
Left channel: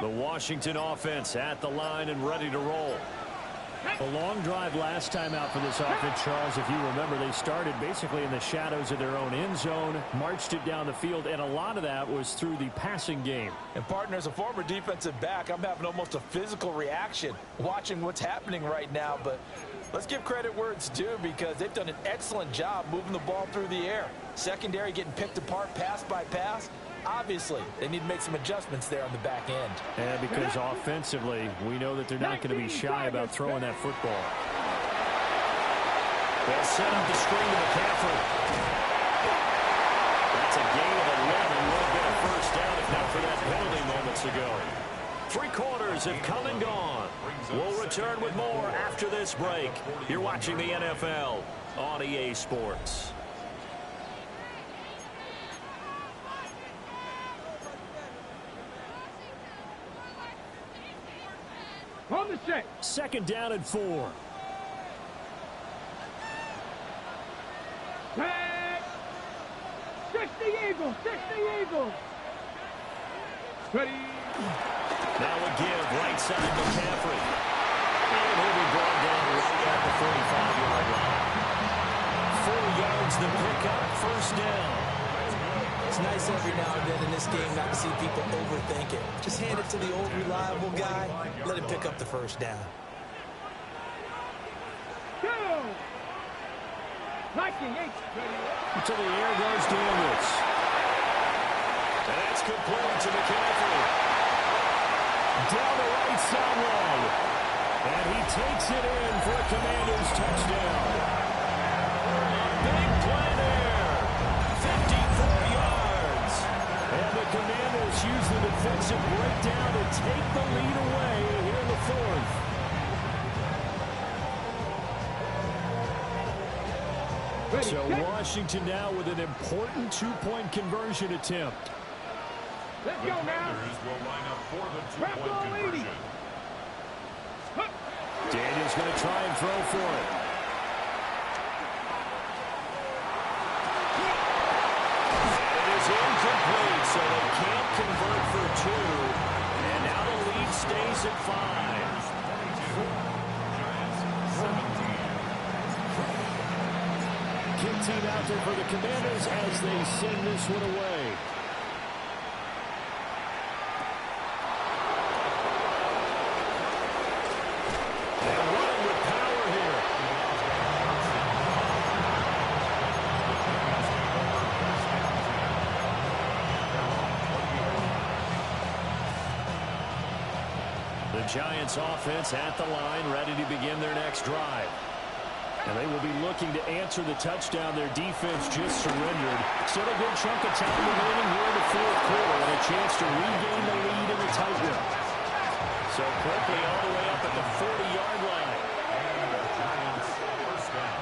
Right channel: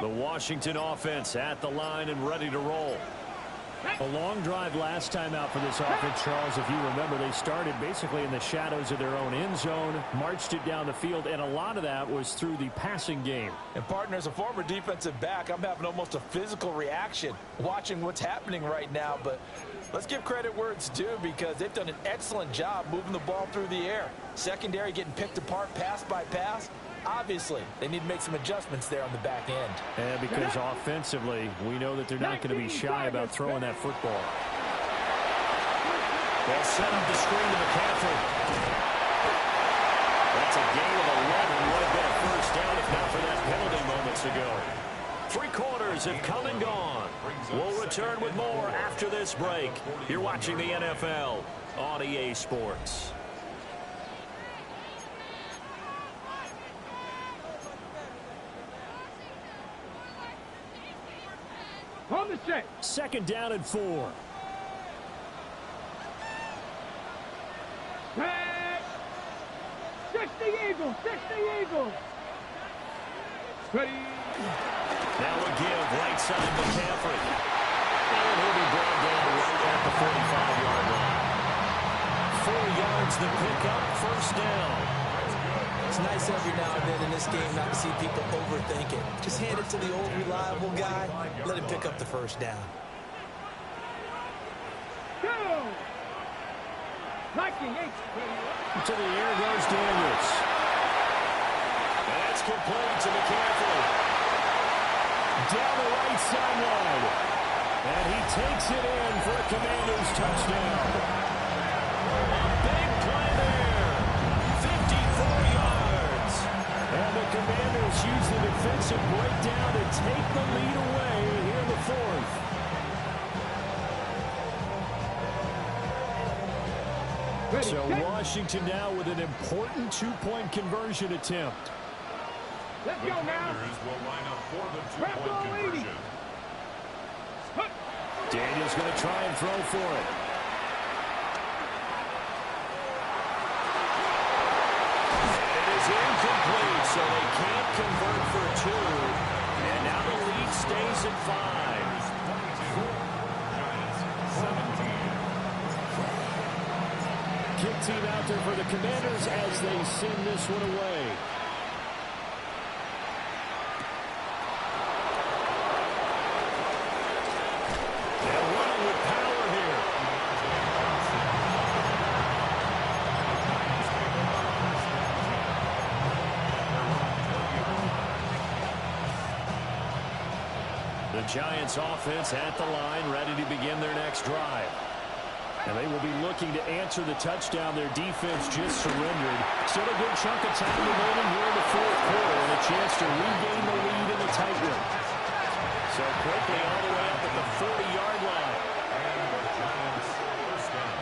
The Washington offense at the line and ready to roll. A long drive last time out for this offense, Charles. If you remember, they started basically in the shadows of their own end zone, marched it down the field, and a lot of that was through the passing game. And, partner, as a former defensive back, I'm having almost a physical reaction watching what's happening right now. But let's give credit where it's due, because they've done an excellent job moving the ball through the air. Secondary getting picked apart pass by pass. Obviously, they need to make some adjustments there on the back end. And because offensively, we know that they're not going to be shy about throwing that football. They'll set up the screen to McCaffrey. That's a gain of 11. Would have been a first down if not for that penalty moments ago. 3 quarters have come and gone. We'll return with more after this break. You're watching the NFL on EA Sports. On the set. 2nd down and 4. Set. 60 Eagles. 60 Eagles. Ready. Now a give right side McCaffrey. And he'll be brought down right at the 45-yard line. 4 yards the pickup, first down. It's nice every now and then in this game not to see people overthink it. Just hand it to the old reliable guy, let him pick up the first down. Go! Liking 8. To the air goes Daniels. And that's complete to McCaffrey. Down the right sideline. And he takes it in for a Commanders touchdown. A big play there. 54 yards. And the Commanders use the defensive breakdown to take the lead away here in the fourth. So Washington now with an important 2-point conversion attempt. Let's go now. Will line up for the 2-point conversion. Daniels going to try and throw for it. And it is incomplete, so they can't convert for 2. And now the lead stays at 5. 22. Giants 17. Kick team out there for the Commanders as they send this one away. And running with power here. The Giants offense at the line, ready to begin their next drive. And they will be looking to answer the touchdown their defense just surrendered. Still a good chunk of time remaining here in the fourth quarter and a chance to regain the lead in the tight one. So quickly all the way up at the 40-yard line. And the Giants first down.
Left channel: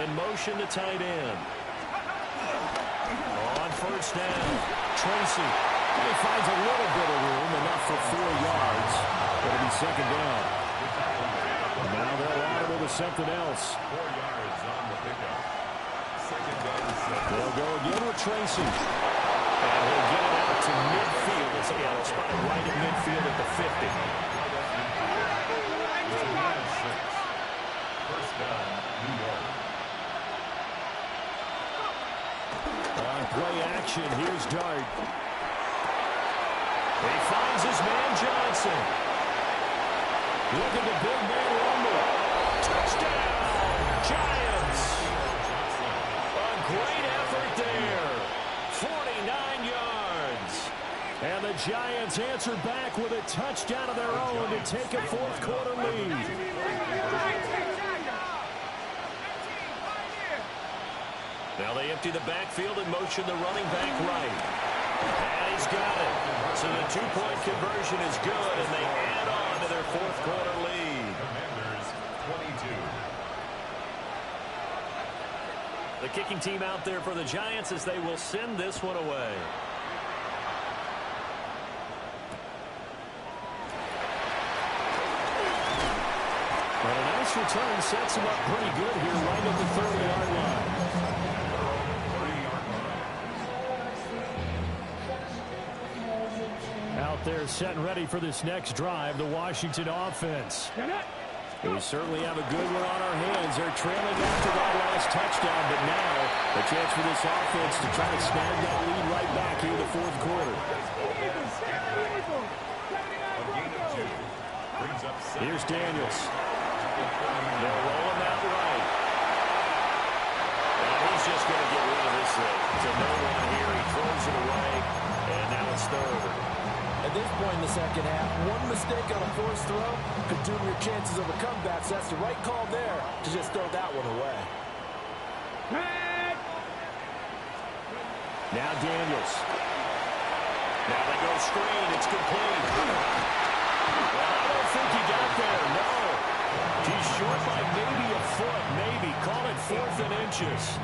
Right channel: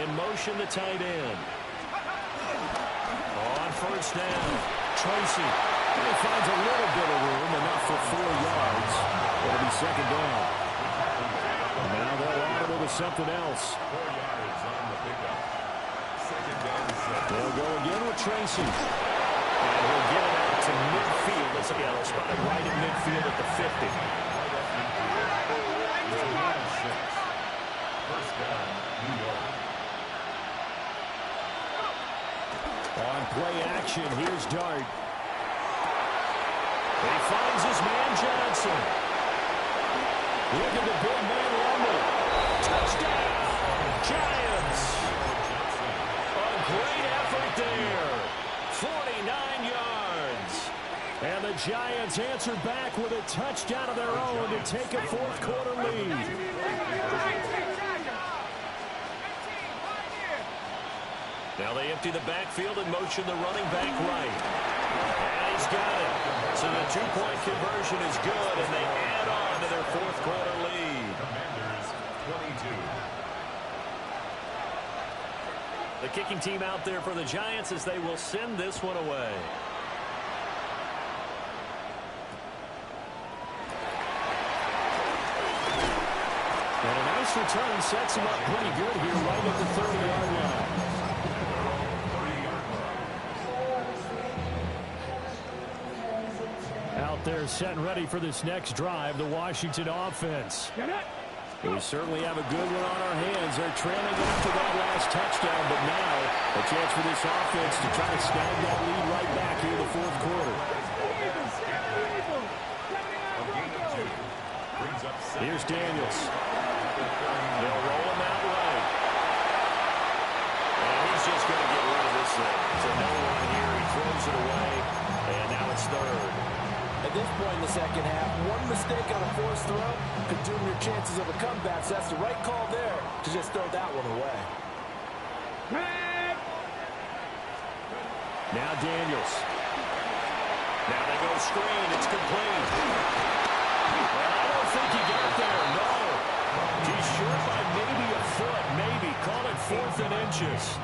In motion, the tight end. On first down, Tracy. He finds a little bit of room, enough for 4 yards. It'll be second down. Now they'll audible to something else. 4 yards on the pickup. Second and 6. They'll go again with Tracy. And he'll get it out to midfield. They'll spot it right at midfield at the 50. Right at midfield. 6. First down, New York. On play action, here's Dart. He finds his man Johnson. Look at the big man rumble. Touchdown, Giants. A great effort there. 49 yards. And the Giants answer back with a touchdown of their own to take a fourth quarter lead. Now they empty the backfield and motion the running back right. And he's got it. So the 2-point conversion is good, and they add on to their fourth quarter lead. Commanders 22. The kicking team out there for the Giants as they will send this one away. And a nice return sets him up pretty good here right at the 30-yard line. Out there set and ready for this next drive, the Washington offense. We certainly have a good one on our hands. They're trailing after that last touchdown, but now a chance for this offense to try to snag that lead right back here in the fourth quarter. Here's Daniels. They'll roll him out right. And he's just going to get rid of this thing. So no one here. He throws it away, and now it's third. At this point in the second half, one mistake on a forced throw could doom your chances of a comeback. So that's the right call there to just throw that one away. Now Daniels. Now they go screen. It's complete. Well, I don't think he got there. No. He's short by maybe a foot. Maybe. Call it 4th and inches.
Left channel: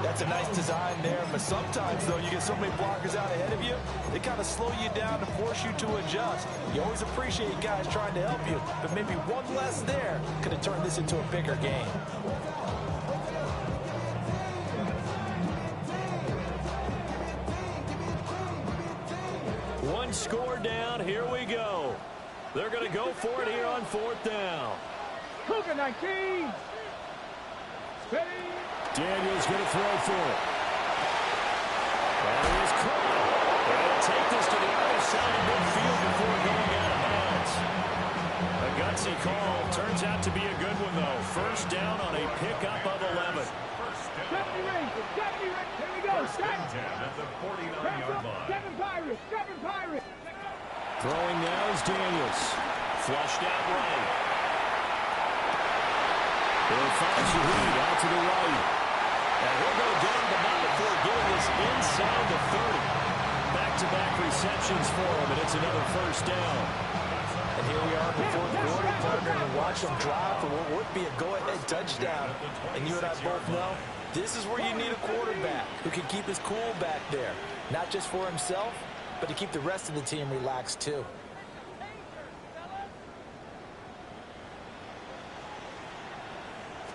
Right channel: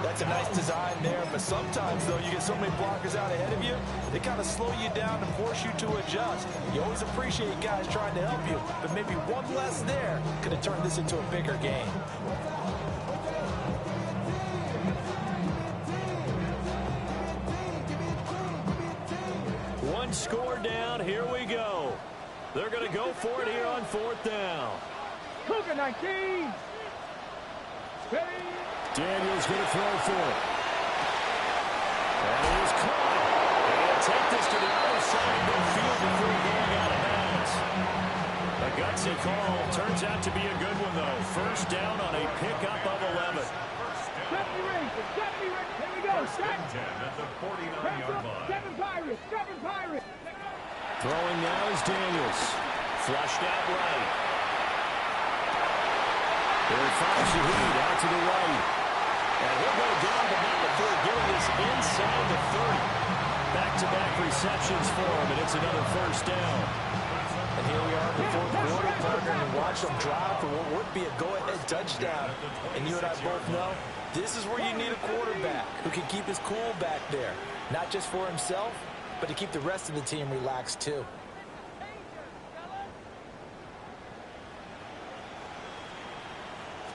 That's a nice design there, but sometimes, though, you get so many blockers out ahead of you, they kind of slow you down and force you to adjust. You always appreciate guys trying to help you, but maybe one less there could have turned this into a bigger game. One score down. Here we go. They're going to go for it here on 4th down. Cougar 19. Daniels going to throw for it. And it is caught. And he'll take this to the other side of midfield before going out of bounds. A gutsy call. Turns out to be a good one, though. First down on a pickup of 11. 70 rings. Here we go. First and 10 at the 49-yard line. 7 Pirates. Throwing now is Daniels. Flushed out right. He'll find Shaheed out to the right. And he'll go down, but not before getting this inside the 30. Back-to-back receptions for him, and it's another first down. And here we are in the fourth quarter, partner, and watch them drive for what would be a go-ahead touchdown. And you and I both know this is where you need a quarterback who can keep his cool back there. Not just for himself, but to keep the rest of the team relaxed, too.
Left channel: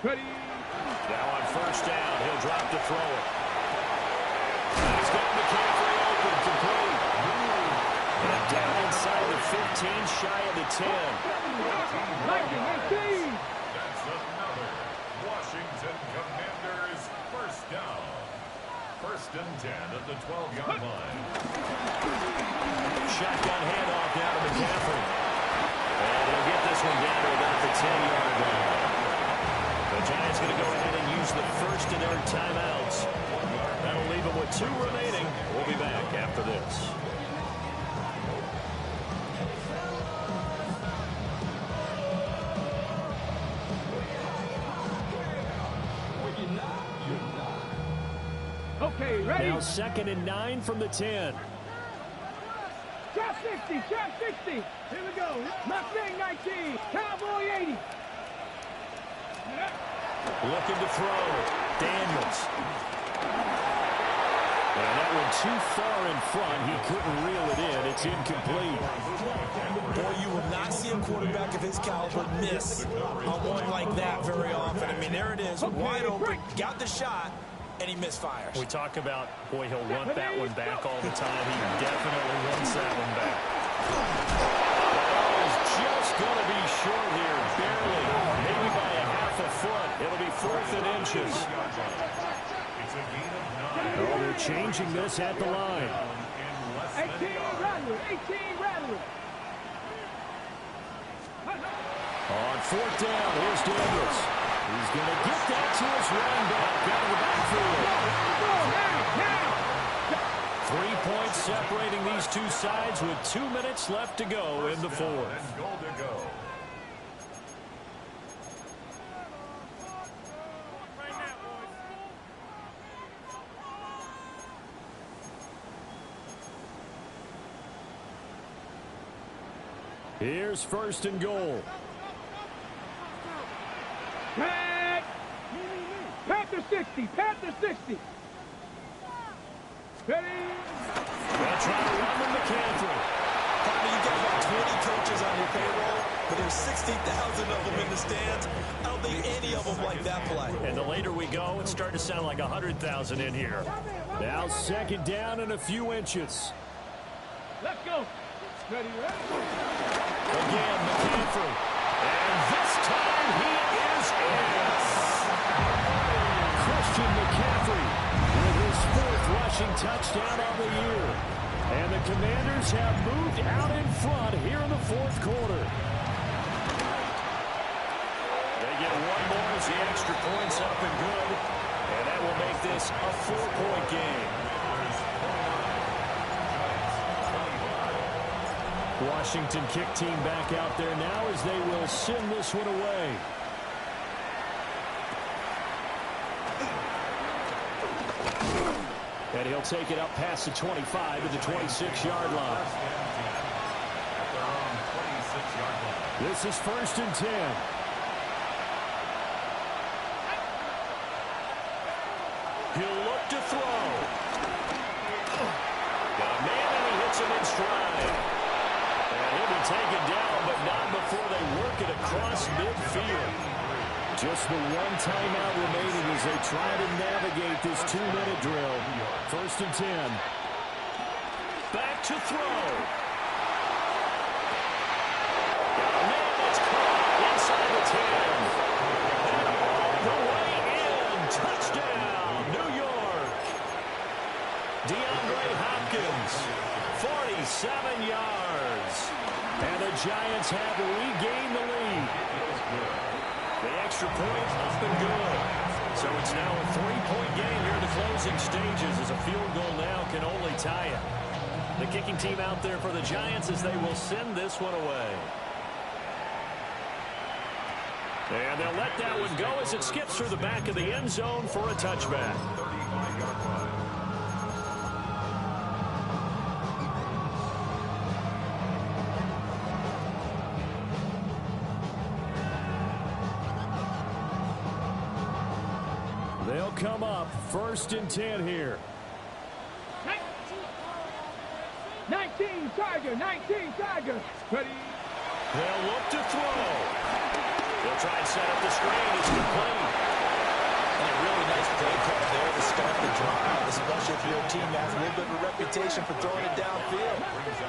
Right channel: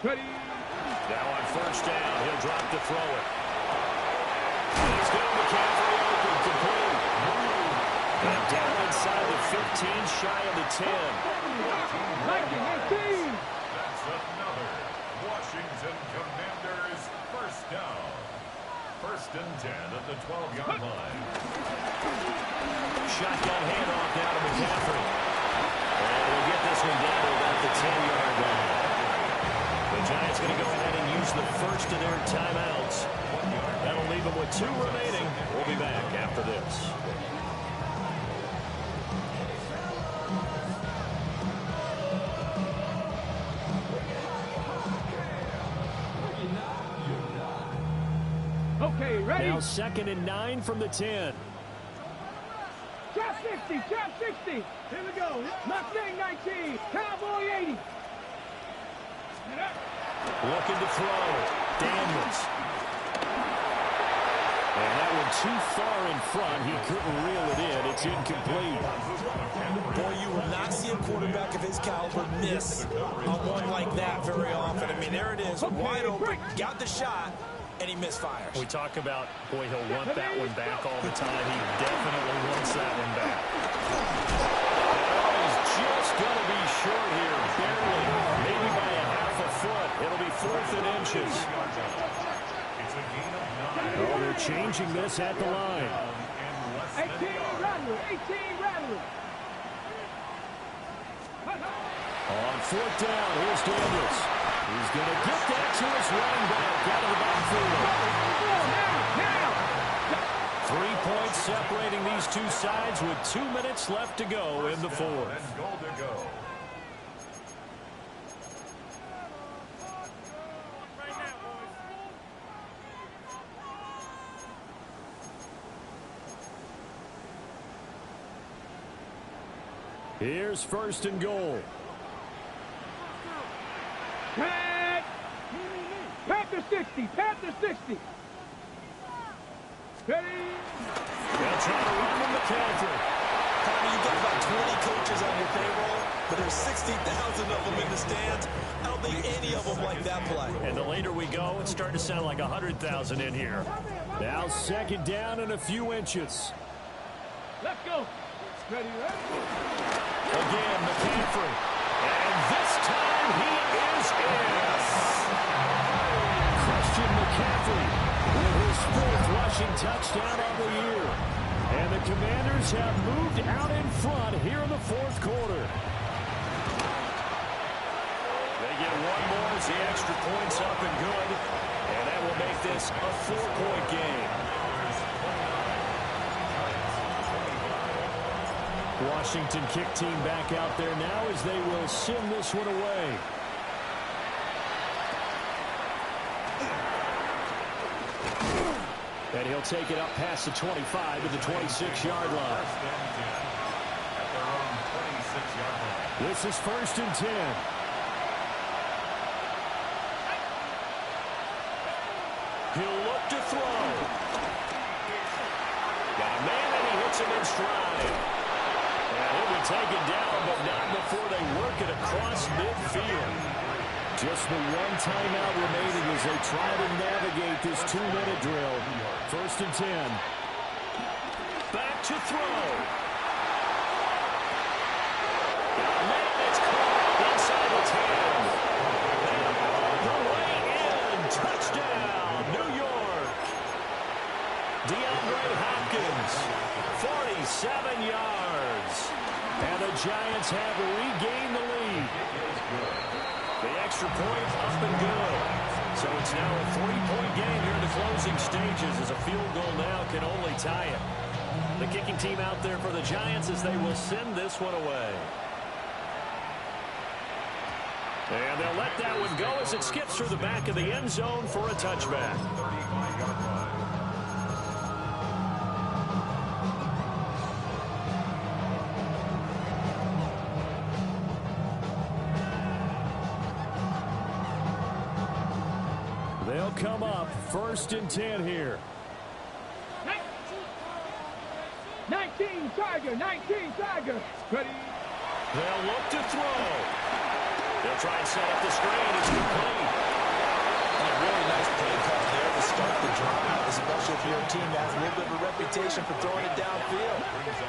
Ready. Now on first down, he'll drop to throw it. And he's got McCaffrey open, complete. And down inside the 15, shy of the 10. 18. That's another Washington Commanders first down. First and 10 at the 12-yard line. Shotgun handoff now to McCaffrey. And he'll get this one down to about the 10-yard line. The Giants going to go ahead and use the first of their timeouts. That'll leave them with 2 remaining. We'll be back after this. Okay, ready. Now 2nd and 9 from the 10. Trap 60. Here we go. Mustang 19. Cowboy 80. Looking to throw. Daniels. And that one too far in front. He couldn't reel it in. It's incomplete. Boy, you will not see a quarterback of his caliber miss on one like that very often. I mean, there it is, wide open, got the shot, and he misfires. We talk about, boy, he'll want that one back all the time. He definitely wants that one back. Oh, he's just going to be short here, barely, maybe by a half a foot. It'll be 4th and inches. It's a gain of 9. Oh, they're changing this at the line. 18 Rattler. On 4th down, here's Daniels. He's going to get that to his running back out of the backfield. Now. 3 points separating these two sides with 2 minutes left to go in the 4th. And goal to go. Here's 1st and goal. Panther 60. Ready. They'll try to run with McCaffrey. Partner, you've got about 20 coaches on your payroll, but there's 60,000 of them in the stands. I don't think any of them like that play. And the later we go, it's starting to sound like 100,000 in here. Now 2nd down and a few inches. Let's go. Ready. Again, McCaffrey. And this time he is in. Christian McCaffrey with his 4th rushing touchdown of the year. And the Commanders have moved out in front here in the 4th quarter. They get one more as the extra point's up and good. And that will make this a 4-point game. Washington kick team back out there now as they will send this one away. And he'll take it up past the 25 to the 26-yard line. At their own 26-yard line. This is 1st and 10. He'll look to throw. Got a man and he hits him in stride. And he'll be taken down, but not before they work it across midfield. Just the one timeout remaining as they try to navigate this 2-minute drill. 1st and 10. Back to throw. Got a man that's caught inside the 10. And all the way in. touchdown, New York. DeAndre Hopkins, 47 yards. And the Giants have regained the lead. The extra point up and good. So it's now a 3-point game here in the closing stages as a field goal now can only tie it. The kicking team out there for the Giants as they will send this one away. And they'll let that one go as it skips through the back of the end zone for a touchback. 35-yard line. They'll come up 1st and 10 here. 19 Tiger, 19 Tiger. Ready? They'll look to throw. They'll try and set up the screen. It's complete. And a really nice play call there to start the drive, especially if your team has a little bit of a reputation for throwing it downfield.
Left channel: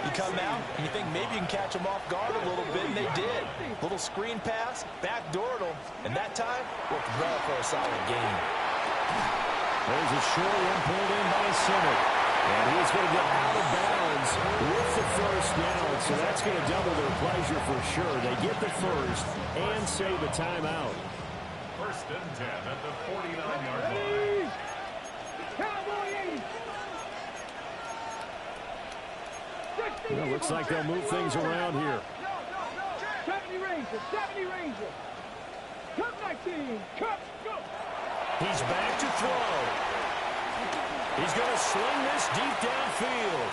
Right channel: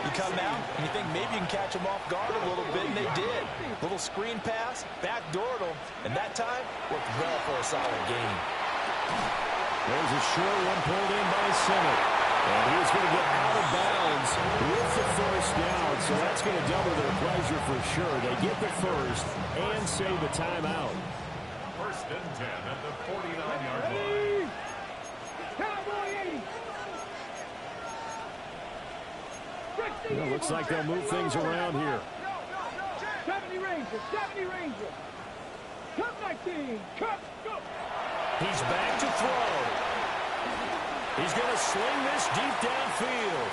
You come out and you think maybe you can catch them off guard a little bit, and they did. Little screen pass, backdoored them, and that time worked well for a solid gain. There's a short one pulled in by Simmons. And he's going to get out of bounds with the first down. So that's going to double their pleasure for sure. They get the first and save a timeout. 1st and 10 at the 49-yard line. Cowboy 80. Well, looks like they'll move things around here. 70 Ranger, 70 Ranger. Cup 19, Cup, go. He's back to throw. He's going to sling this deep downfield.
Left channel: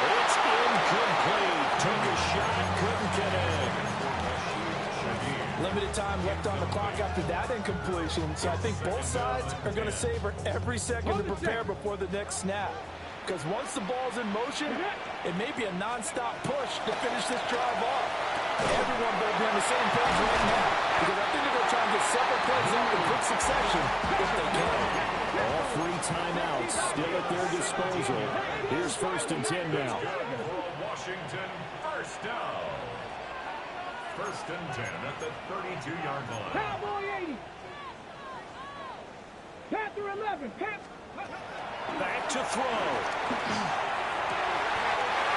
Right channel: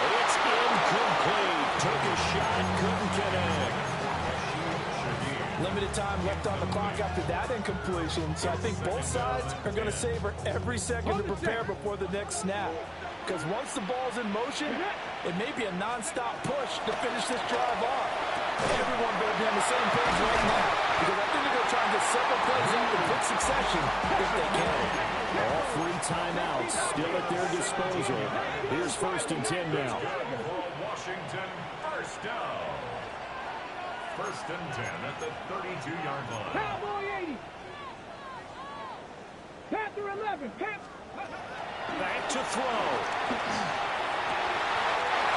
It's incomplete. Took a shot, couldn't connect. Limited time left on the clock after that incompletion, so I think both sides are going to savor every second to prepare before the next snap. Because once the ball's in motion, it may be a non-stop push to finish this drive off. Everyone better be on the same page right now, because I think they're going to try and get several plays up in quick succession if they can. All 3 timeouts still at their disposal. Here's 1st and 10 now. For Washington, first down. 1st and 10 at the 32-yard line. Cowboy 80. Panther 11. Back to throw.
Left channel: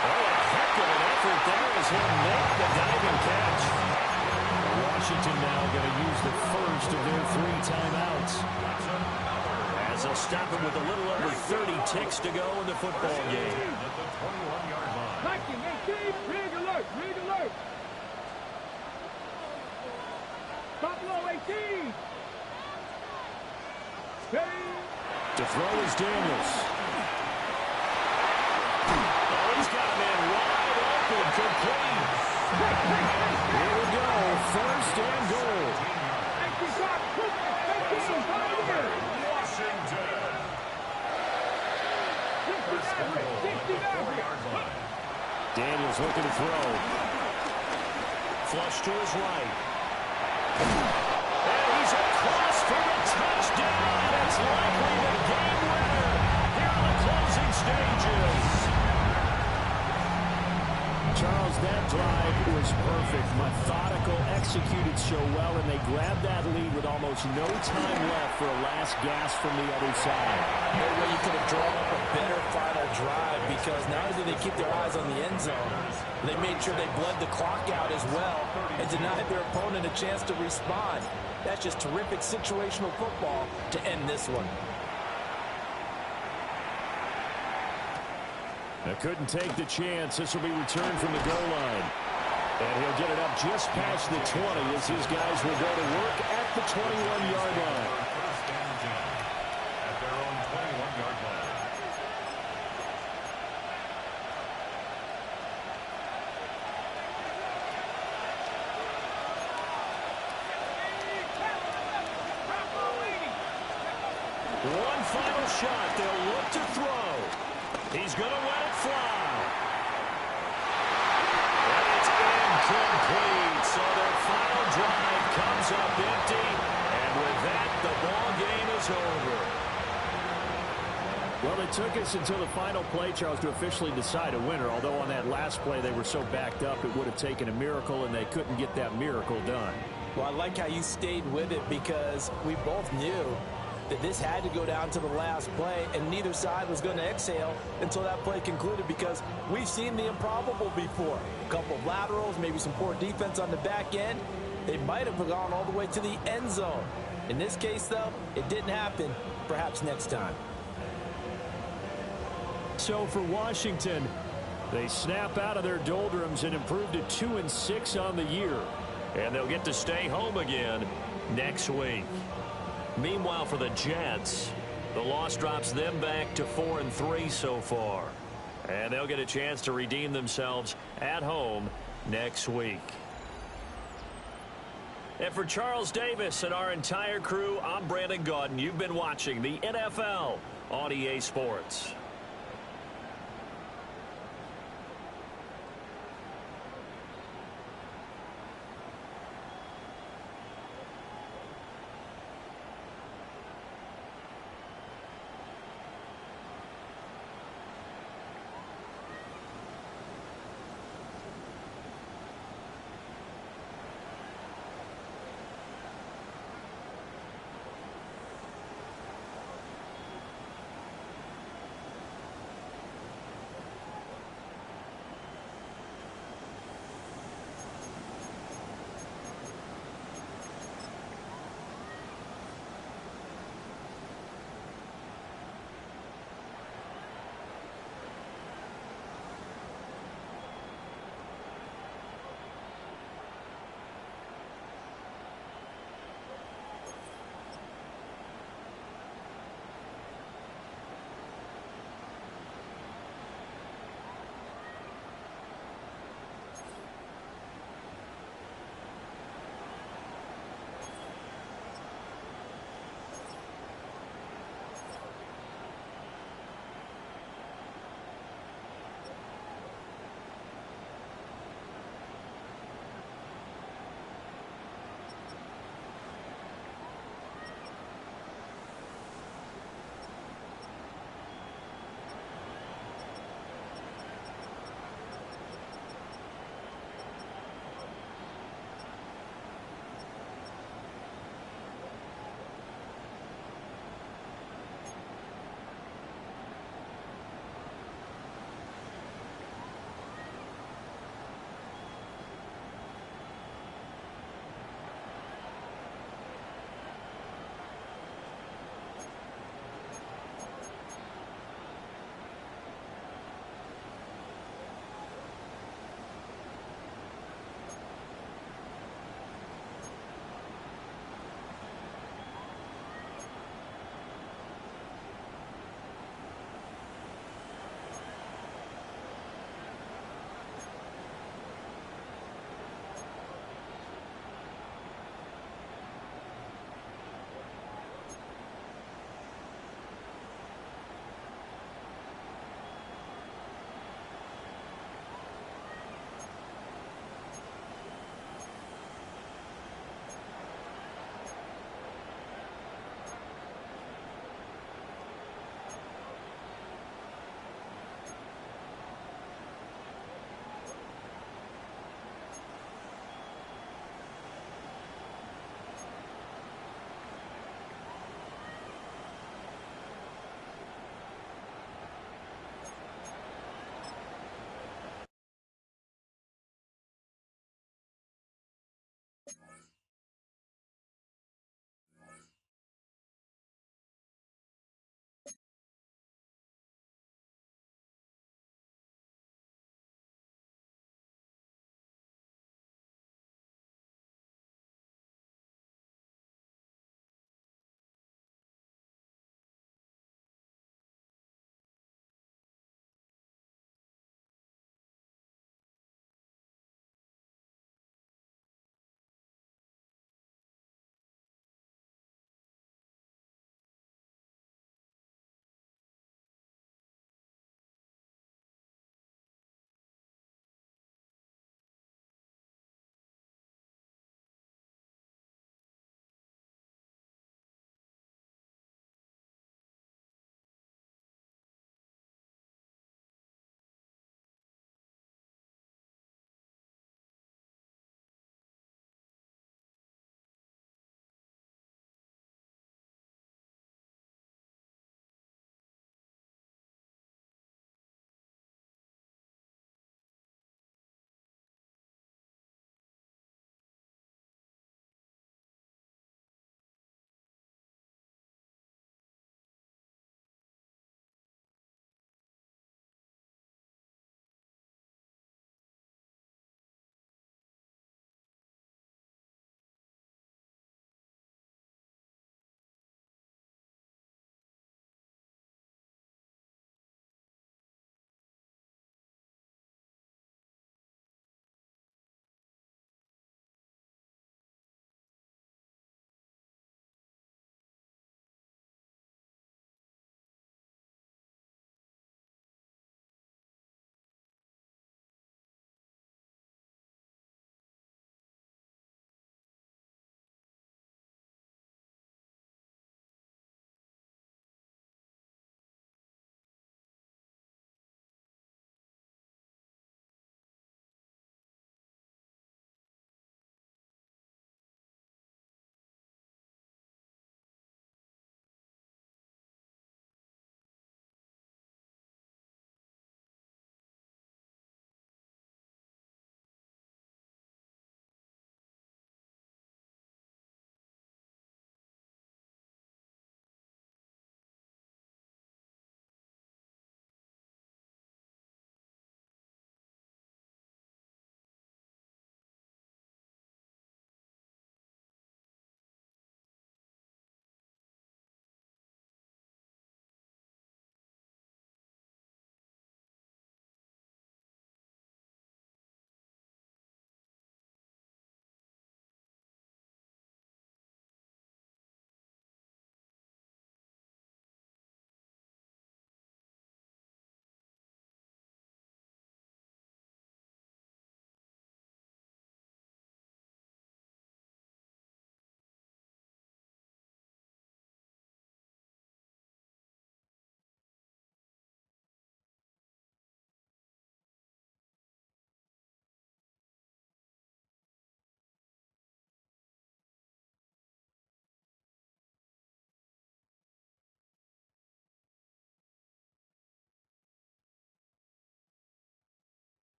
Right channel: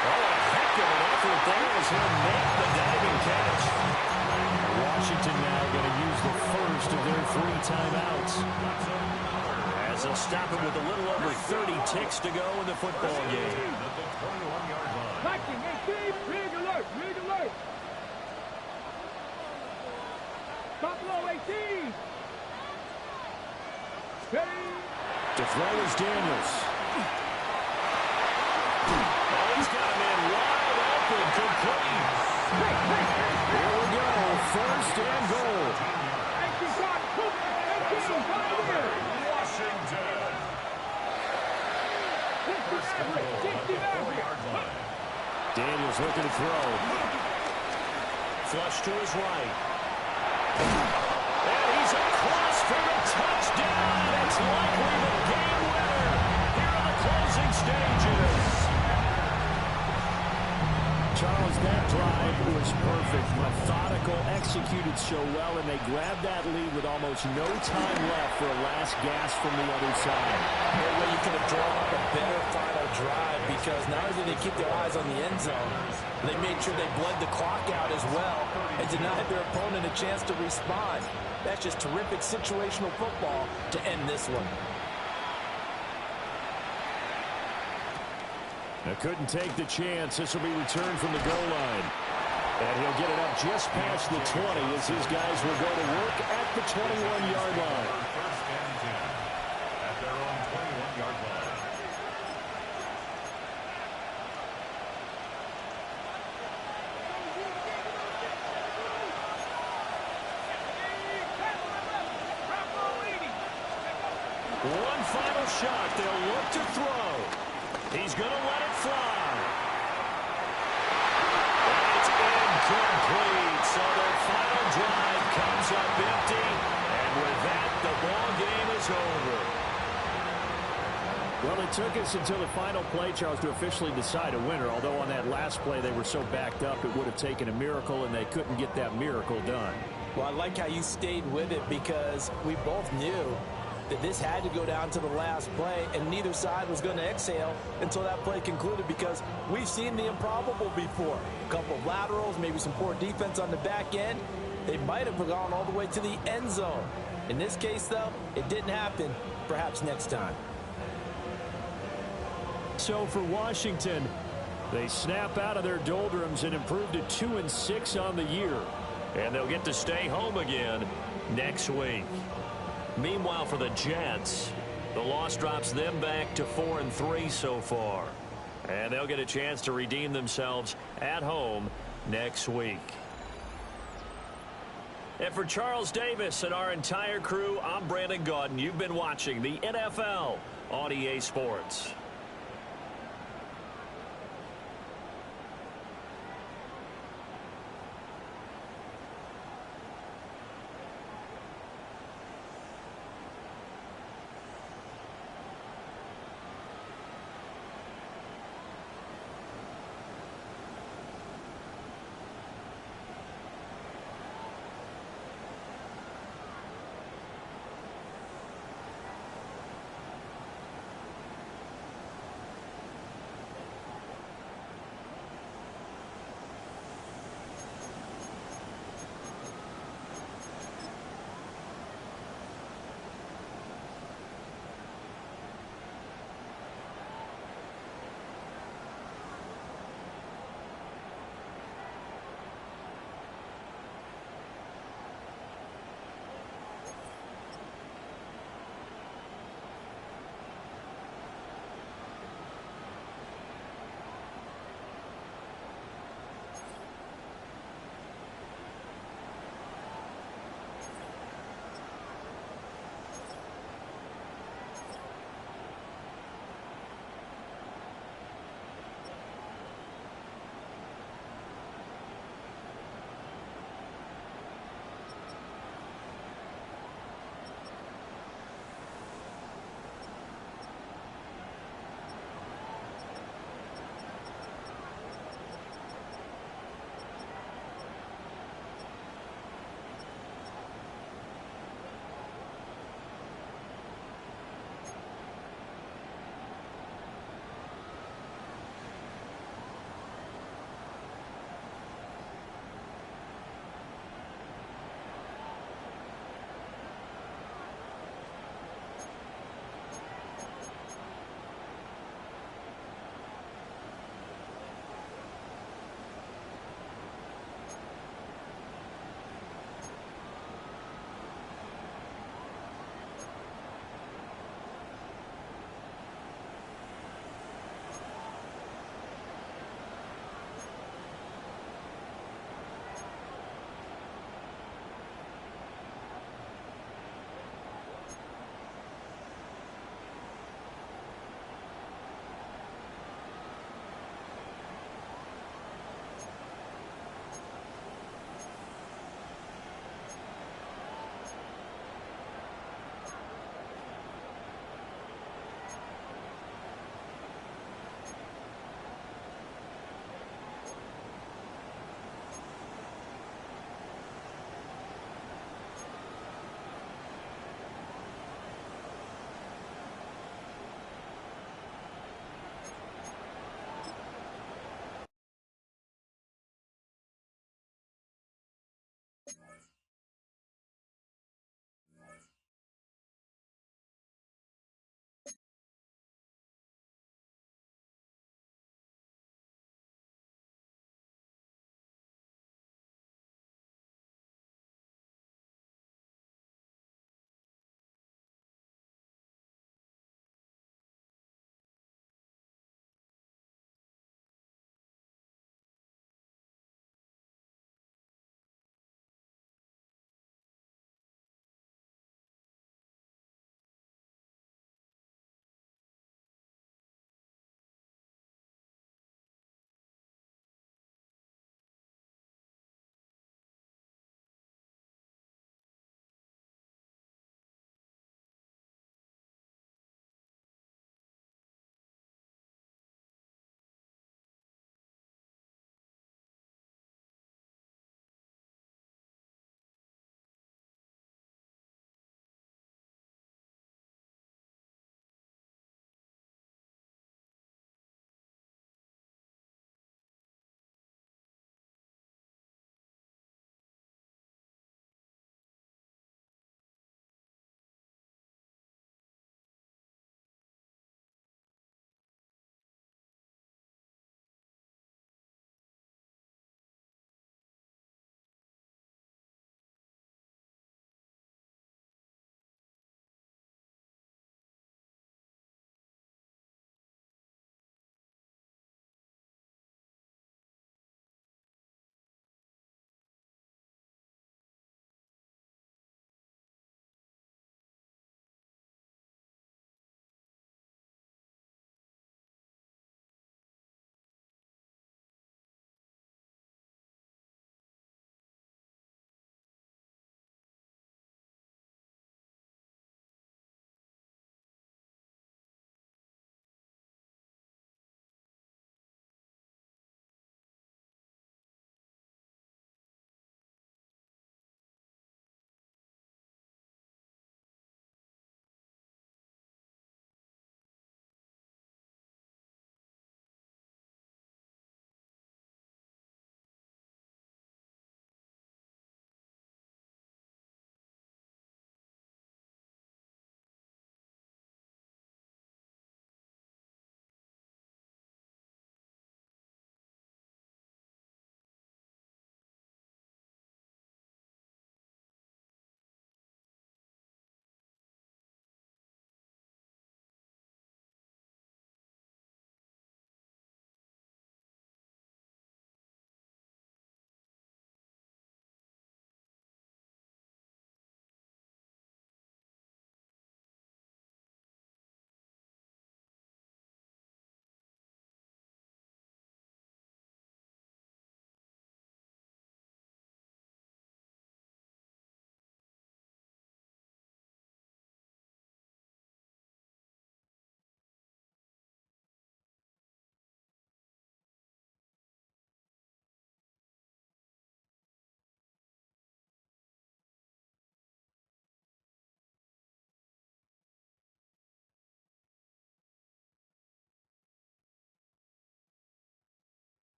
Oh, a heck of an effort there as he'll make the diving catch. Washington now going to use the first of their 3 timeouts. As they'll stop him with a little over 30 ticks to go in the football game. At the 21-yard line. Viking 18. Rig alert. Rig alert. Buffalo 18. Ready. To throw is Daniels. Oh, he's got a man wide open, complete. Here we go, 1st and goal. 18, Washington. 1st and goal at the 4-yard line. Daniels looking to throw. Flush to his right. And he's across for the touchdown. It's likely the game winner here in the closing stages. Charles, that drive was perfect, methodical, executed so well, and they grabbed that lead with almost no time left for a last gasp from the other side. No way you could have drawn up a better final drive, because not only did they keep their eyes on the end zone, they made sure they bled the clock out as well and denied their opponent a chance to respond. That's just terrific situational football to end this one. Now couldn't take the chance. This will be returned from the goal line. And he'll get it up just past the 20 as his guys will go to work at the 21-yard line. 1st and 10 at their own 21-yard line. One final shot. They'll look to throw. He's going to let it fly. And it's incomplete. So their final drive comes up empty. And with that, the ball game is over. Well, it took us until the final play, Charles, to officially decide a winner. Although on that last play they were so backed up, it would have taken a miracle, and they couldn't get that miracle done. Well, I like how you stayed with it because we both knew that this had to go down to the last play, and neither side was going to exhale until that play concluded because we've seen the improbable before. A couple of laterals, maybe some poor defense on the back end. They might have gone all the way to the end zone. In this case, though, it didn't happen. Perhaps next time. So for Washington, they snap out of their doldrums and improve to 2-6 on the year. And they'll get to stay home again next week. Meanwhile, for the Jets, the loss drops them back to 4-3 so far. And they'll get a chance to redeem themselves at home next week. And for Charles Davis and our entire crew, I'm Brandon Gaudin. You've been watching the NFL on EA Sports.